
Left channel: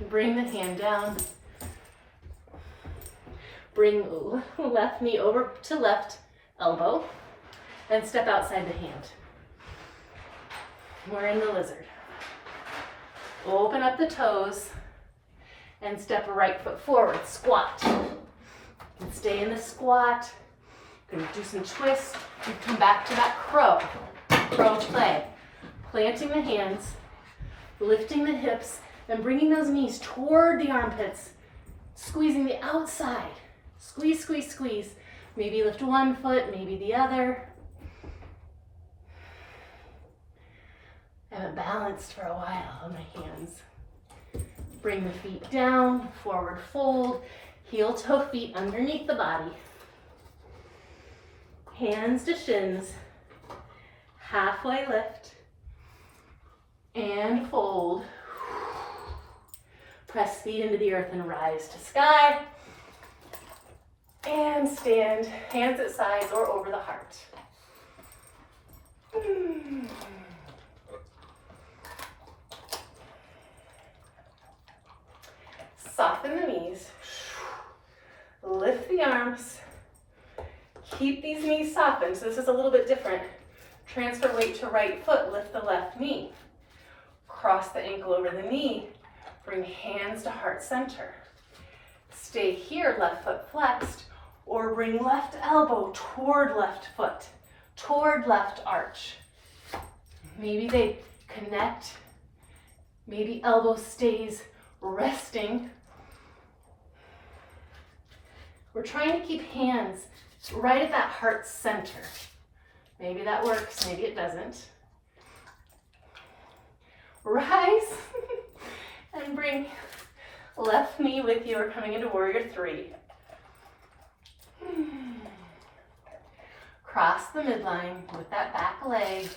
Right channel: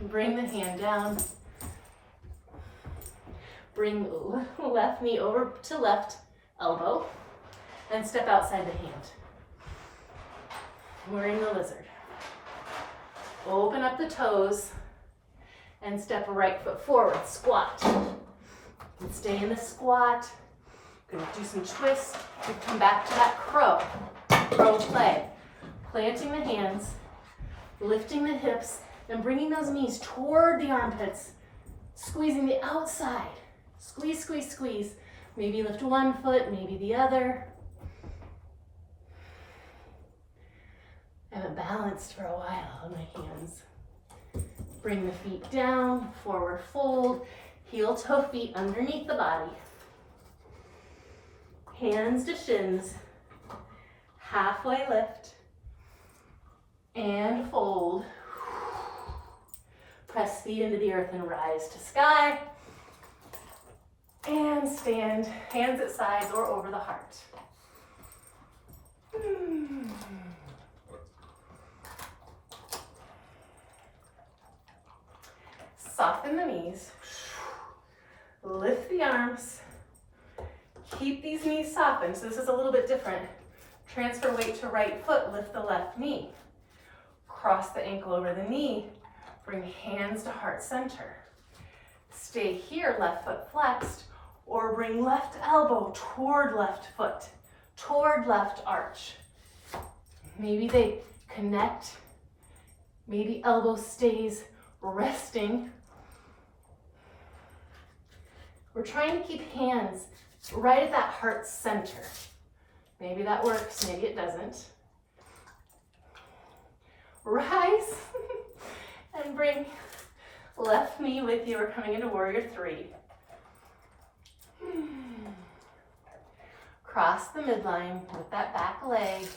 Bring the hand down. Bring left knee over to left elbow and step outside the hand. We're in the lizard. Open up the toes and step right foot forward, squat. And stay in the squat. Gonna do some twists. You come back to that crow play. Planting the hands, lifting the hips, and bringing those knees toward the armpits, squeezing the outside. Squeeze, squeeze, squeeze. Maybe lift one foot, maybe the other. I haven't balanced for a while on my hands. Bring the feet down, forward fold, heel toe feet underneath the body. Hands to shins, halfway lift, and fold. Press feet into the earth and rise to sky. And stand, hands at sides or over the heart. Soften the knees. Lift the arms. Keep these knees softened. So this is a little bit different. Transfer weight to right foot, lift the left knee. Cross the ankle over the knee. Bring hands to heart center. Stay here, left foot flexed, or bring left elbow toward left foot, toward left arch. Maybe they connect. Maybe elbow stays resting. We're trying to keep hands right at that heart center. Maybe that works, maybe it doesn't. Rise and bring left knee with you. We're coming into warrior three. Cross the midline with that back leg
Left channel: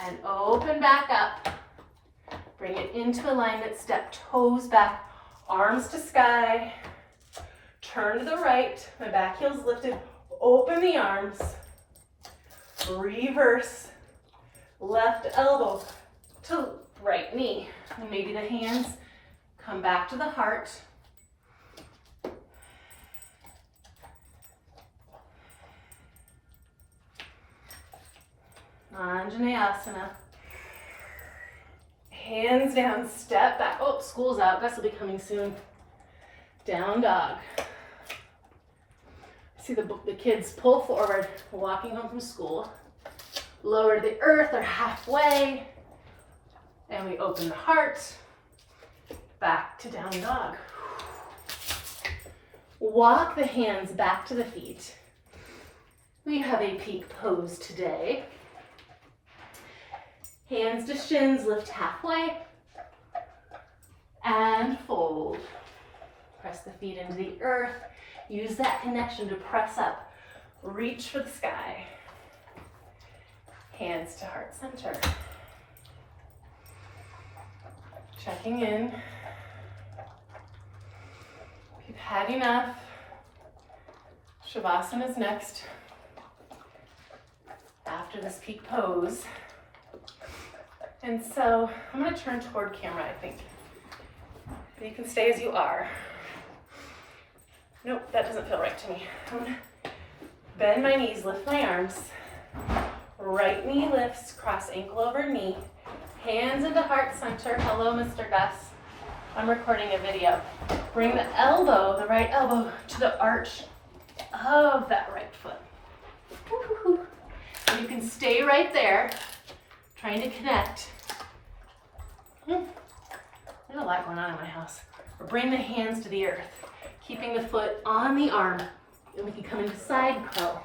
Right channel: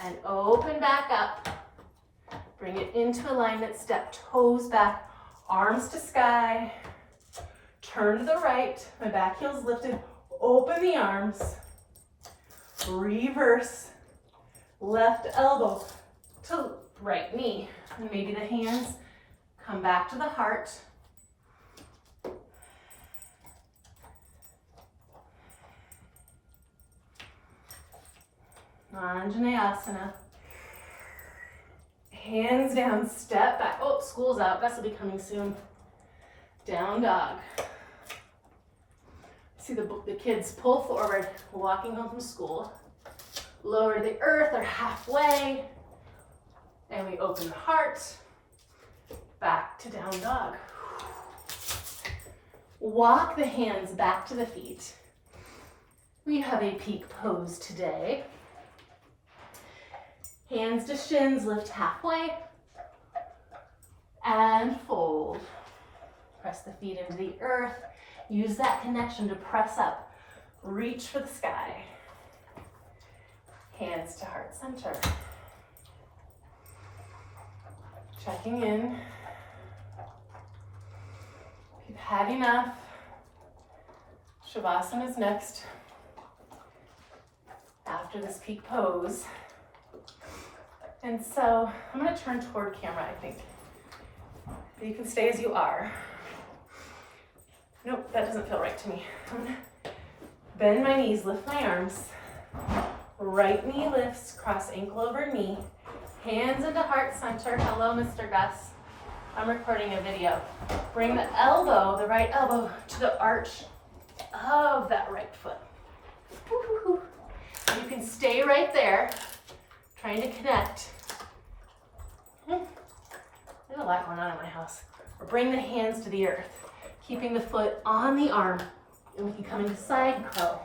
and open back up. Bring it into alignment, step toes back, arms to sky. Turn to the right, my back heel's lifted, open the arms, reverse, left elbow to right knee. Maybe the hands come back to the heart. Anjaneyasana. Hands down, step back. Oh, school's out, Gus will be coming soon. Down dog. See the kids pull forward, walking home from school. Lower to the earth or halfway. And we open the heart. Back to down dog. Walk the hands back to the feet. We have a peak pose today. Hands to shins, lift halfway. And fold. Press the feet into the earth. Use that connection to press up. Reach for the sky. Hands to heart center. Checking in. We've had enough. Shavasana is next. After this peak pose. And so I'm going to turn toward camera, I think. But you can stay as you are. Nope, that doesn't feel right to me. I'm going to bend my knees, lift my arms. Right knee lifts, cross ankle over knee. Hands into heart center. Hello, Mr. Gus. I'm recording a video. Bring the elbow, the right elbow, to the arch of that right foot. Woo-hoo-hoo. You can stay right there, trying to connect. There's a lot going on in my house. Or bring the hands to the earth, keeping the foot on the arm. And we can come into side crow.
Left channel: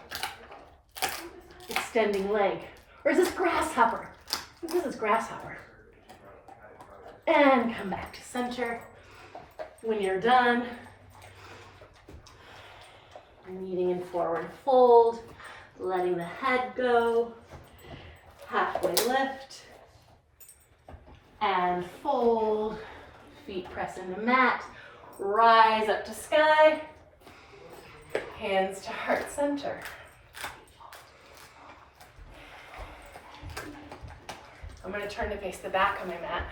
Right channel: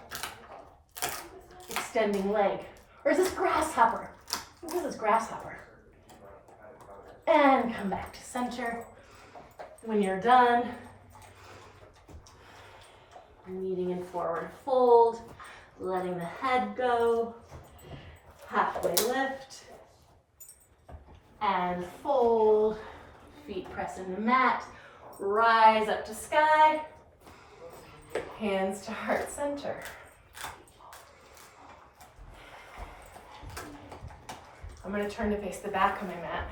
Extending leg. Or is this grasshopper? I think this is grasshopper. And come back to center. When you're done, kneading in forward fold, letting the head go, halfway lift, And fold, feet press into mat, rise up to sky, hands to heart center. I'm going to turn to face the back of my mat.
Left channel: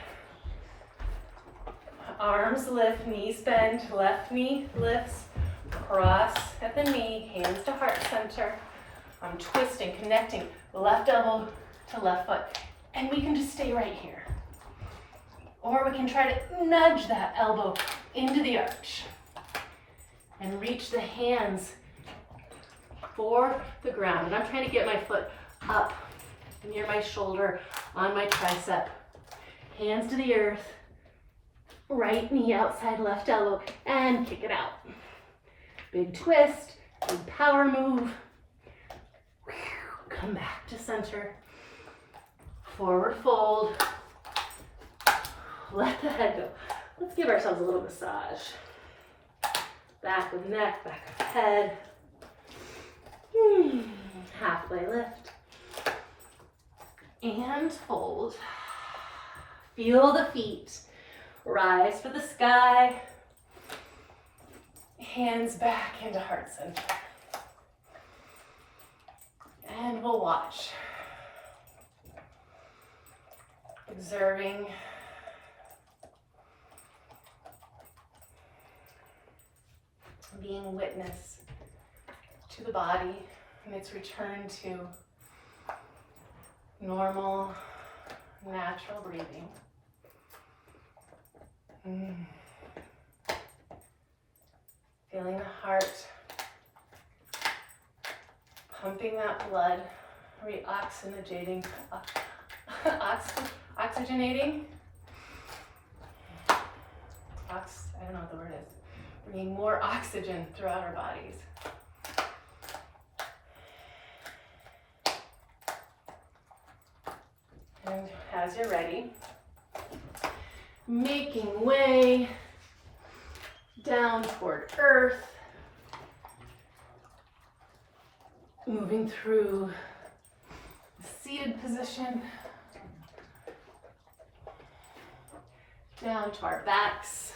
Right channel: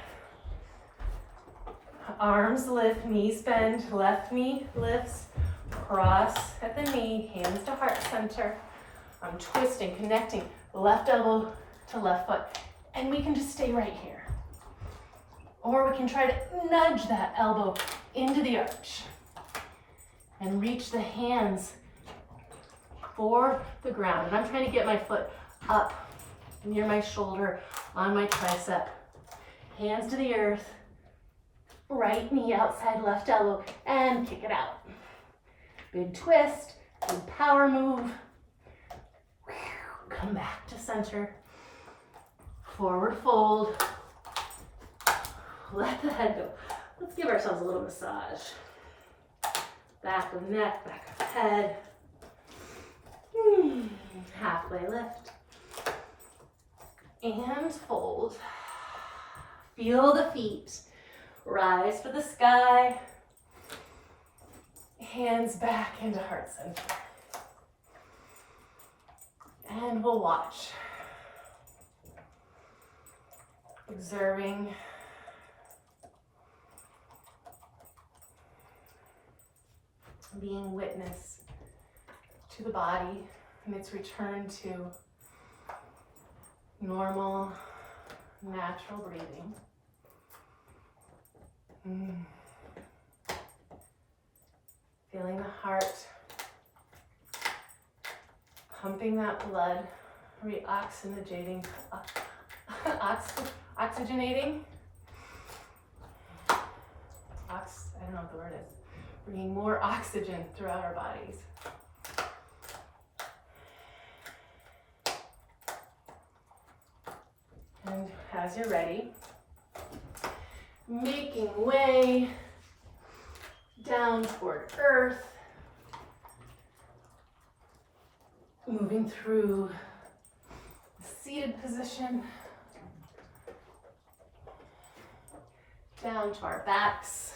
Arms lift, knees bend, left knee lifts, cross at the knee, hands to heart center. I'm twisting, connecting, left elbow to left foot. And we can just stay right here. Or we can try to nudge that elbow into the arch and reach the hands for the ground. And I'm trying to get my foot up near my shoulder, on my tricep. Hands to the earth, right knee outside left elbow, and kick it out. Big twist, big power move. Come back to center. Forward fold. Let the head go. Let's give ourselves a little massage. Back of neck, back of head. Halfway lift. And fold. Feel the feet. Rise for the sky. Hands back into heart center. And we'll watch. Observing. Being witness to the body and its return to normal, natural breathing. Feeling the heart, pumping that blood, reoxygenating, oxygenating. I don't know what the word is. Bringing more oxygen throughout our bodies. And as you're ready, making way down toward earth, moving through the seated position, down to our backs,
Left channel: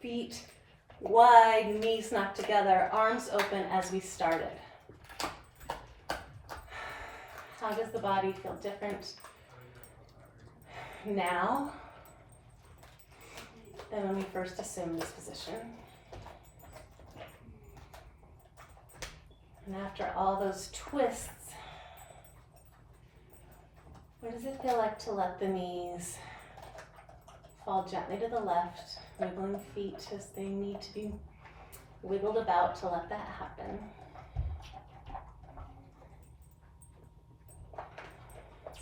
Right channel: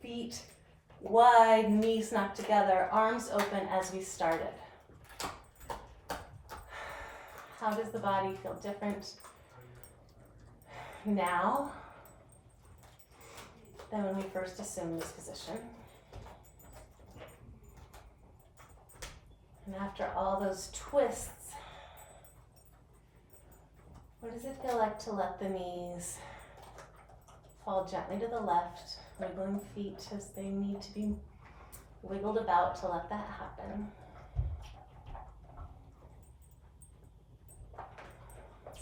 feet wide, knees knocked together, arms open as we started. How does the body feel different now than when we first assumed this position? And after all those twists, what does it feel like to let the knees fall gently to the left, wiggling feet as they need to be wiggled about to let that happen?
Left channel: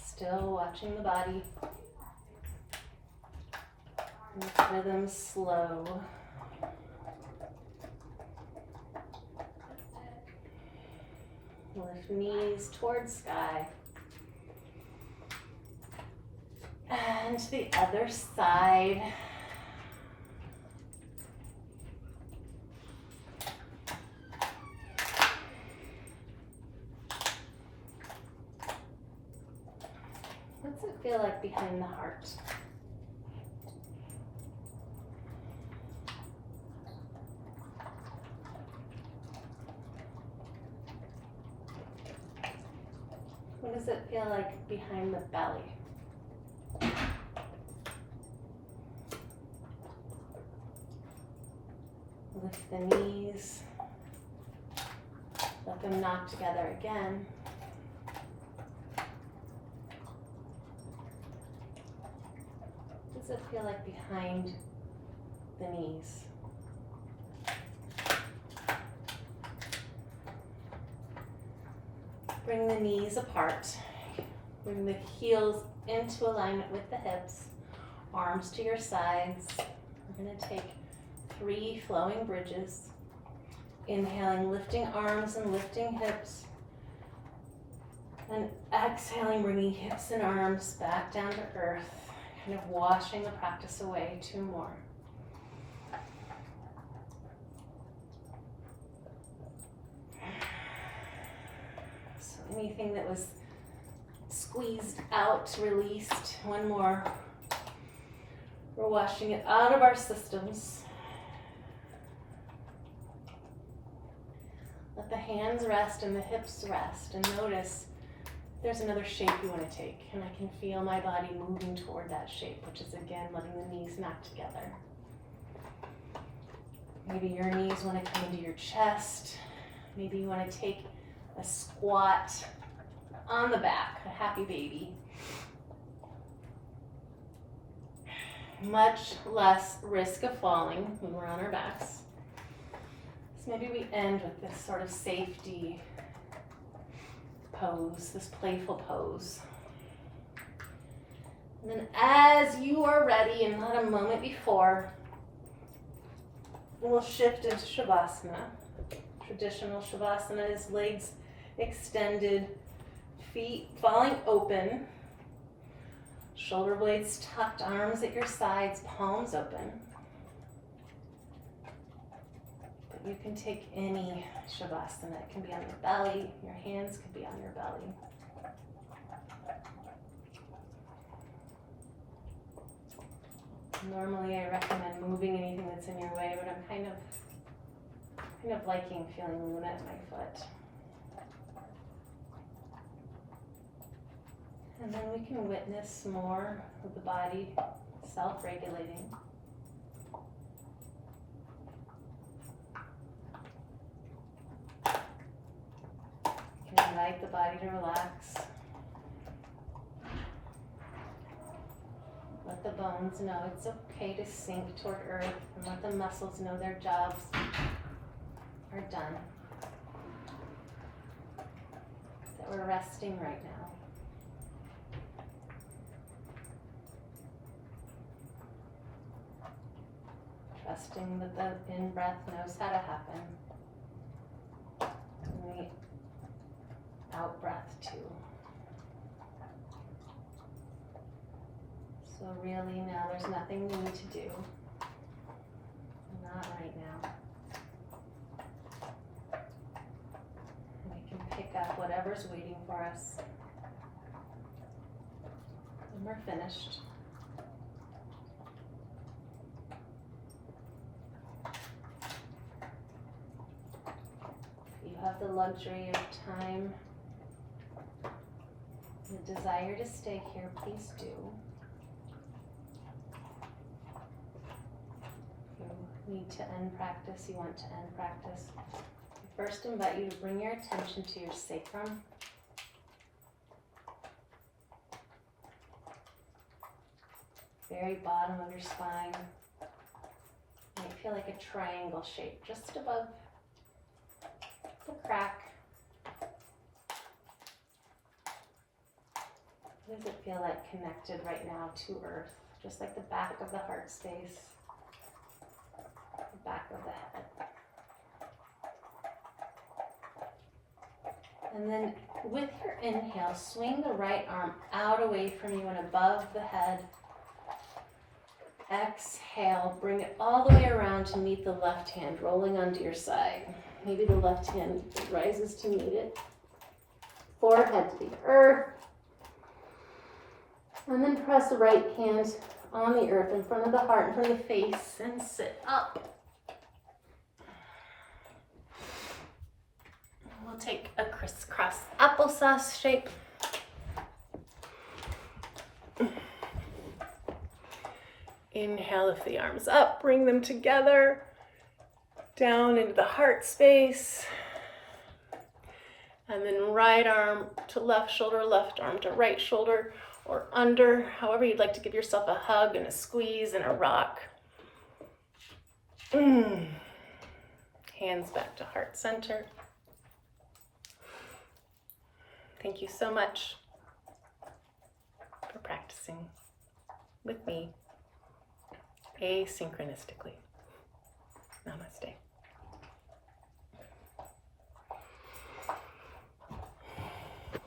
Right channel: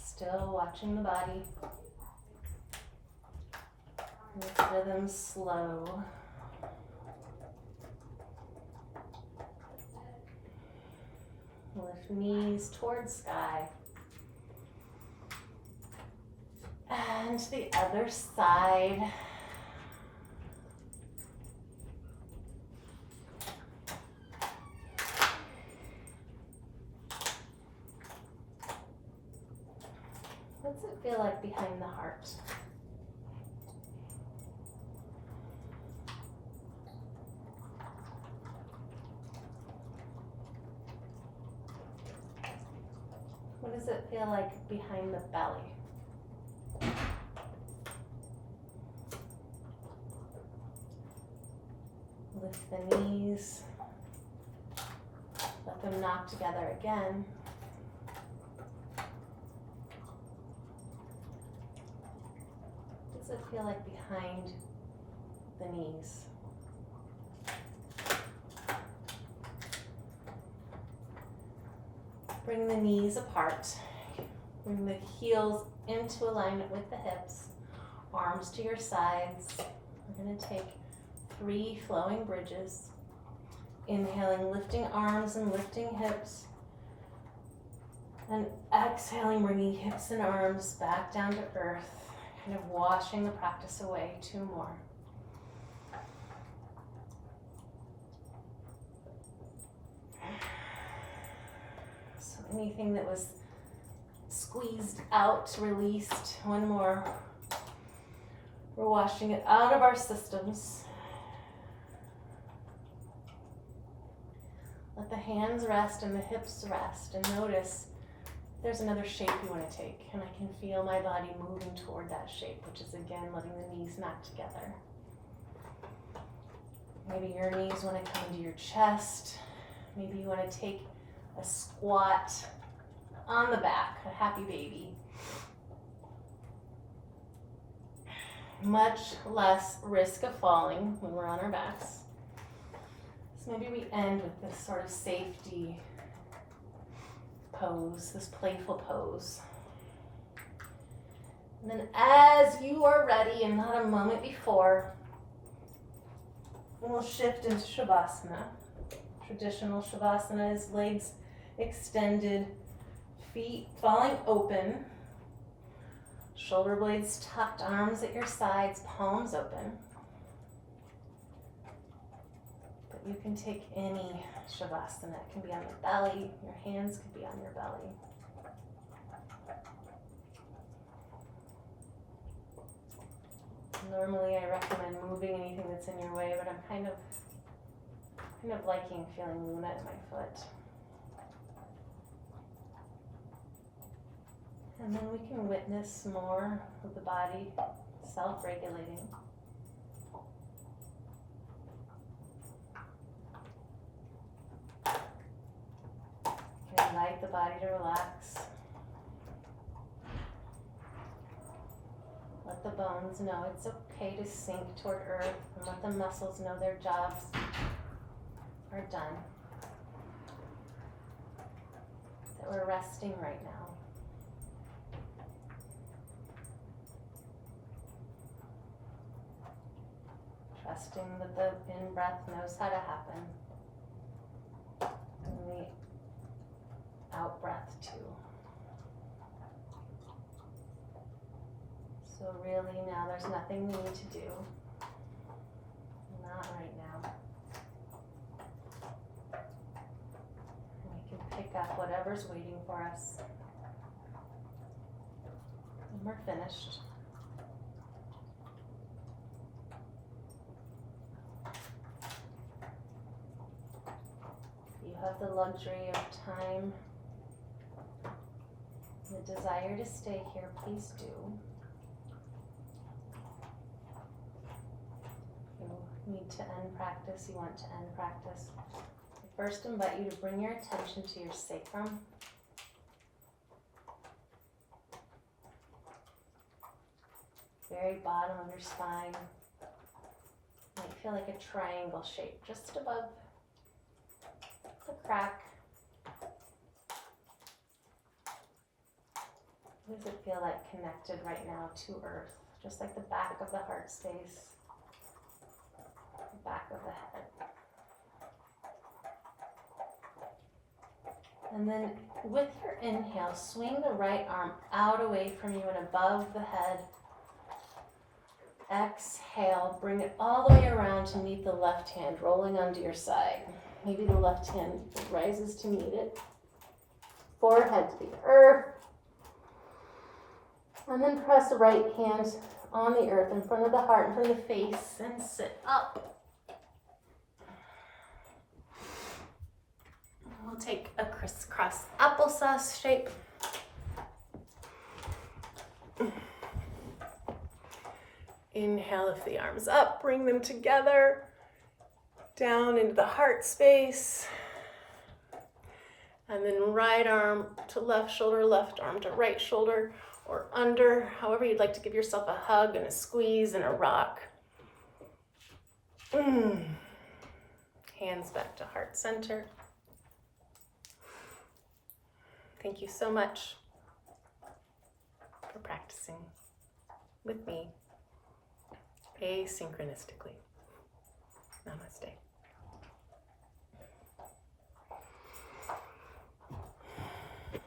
Still watching the body. Make rhythm slow. Lift knees towards sky. And to the other side. What's it feel like behind the heart? What does it feel like behind the belly? Lift the knees. Let them knock together again. What does it feel like behind the knees? Bring the knees apart. Bring the heels into alignment with the hips. Arms to your sides. We're going to take 3 flowing bridges. Inhaling, lifting arms and lifting hips. And exhaling, bringing hips and arms back down to earth. Kind of washing the practice away. 2 more. So anything that was squeezed out, released. 1 more. We're washing it out of our systems. Let the hands rest and the hips rest, and notice if there's another shape you want to take. And I can feel my body moving toward that shape, which is again letting the knees smack together. Maybe your knees want to come into your chest. Maybe you want to take a squat on the back, a happy baby. Much less risk of falling when we're on our backs. So maybe we end with this sort of safety pose, this playful pose. And then as you are ready, and not a moment before, we'll shift into Shavasana. Traditional Shavasana is legs extended, feet falling open, shoulder blades tucked, arms at your sides, palms open. But you can take any Shavasana. It can be on your belly, your hands could be on your belly. Normally I recommend moving anything that's in your way, but I'm kind of liking feeling Luna at my foot. And then we can witness more of the body self-regulating. You can invite the body to relax. Let the bones know it's okay to sink toward earth, and let the muscles know their jobs are done. That we're resting right now. Trusting that the in-breath knows how to happen. And the out-breath too. So really now there's nothing we need to do. Not right now. And we can pick up whatever's waiting for us. And we're finished. If you have the luxury of time, the desire to stay here, please do. Need to end practice, you want to end practice. I first invite you to bring your attention to your sacrum. Very bottom of your spine. You might feel like a triangle shape just above the crack. What does it feel like connected right now to earth? Just like the back of the heart space. Back of the head. And then with your inhale, swing the right arm out away from you and above the head. Exhale, bring it all the way around to meet the left hand, rolling onto your side. Maybe the left hand rises to meet it. Forehead to the earth. And then press the right hand on the earth in front of the heart, in front of the face, and sit up. We'll take a crisscross applesauce shape. Inhale, lift the arms up, bring them together, down into the heart space. And then right arm to left shoulder, left arm to right shoulder, or under, however you'd like to give yourself a hug and a squeeze and a rock. Hands back to heart center. Thank you so much for practicing with me asynchronistically. Namaste.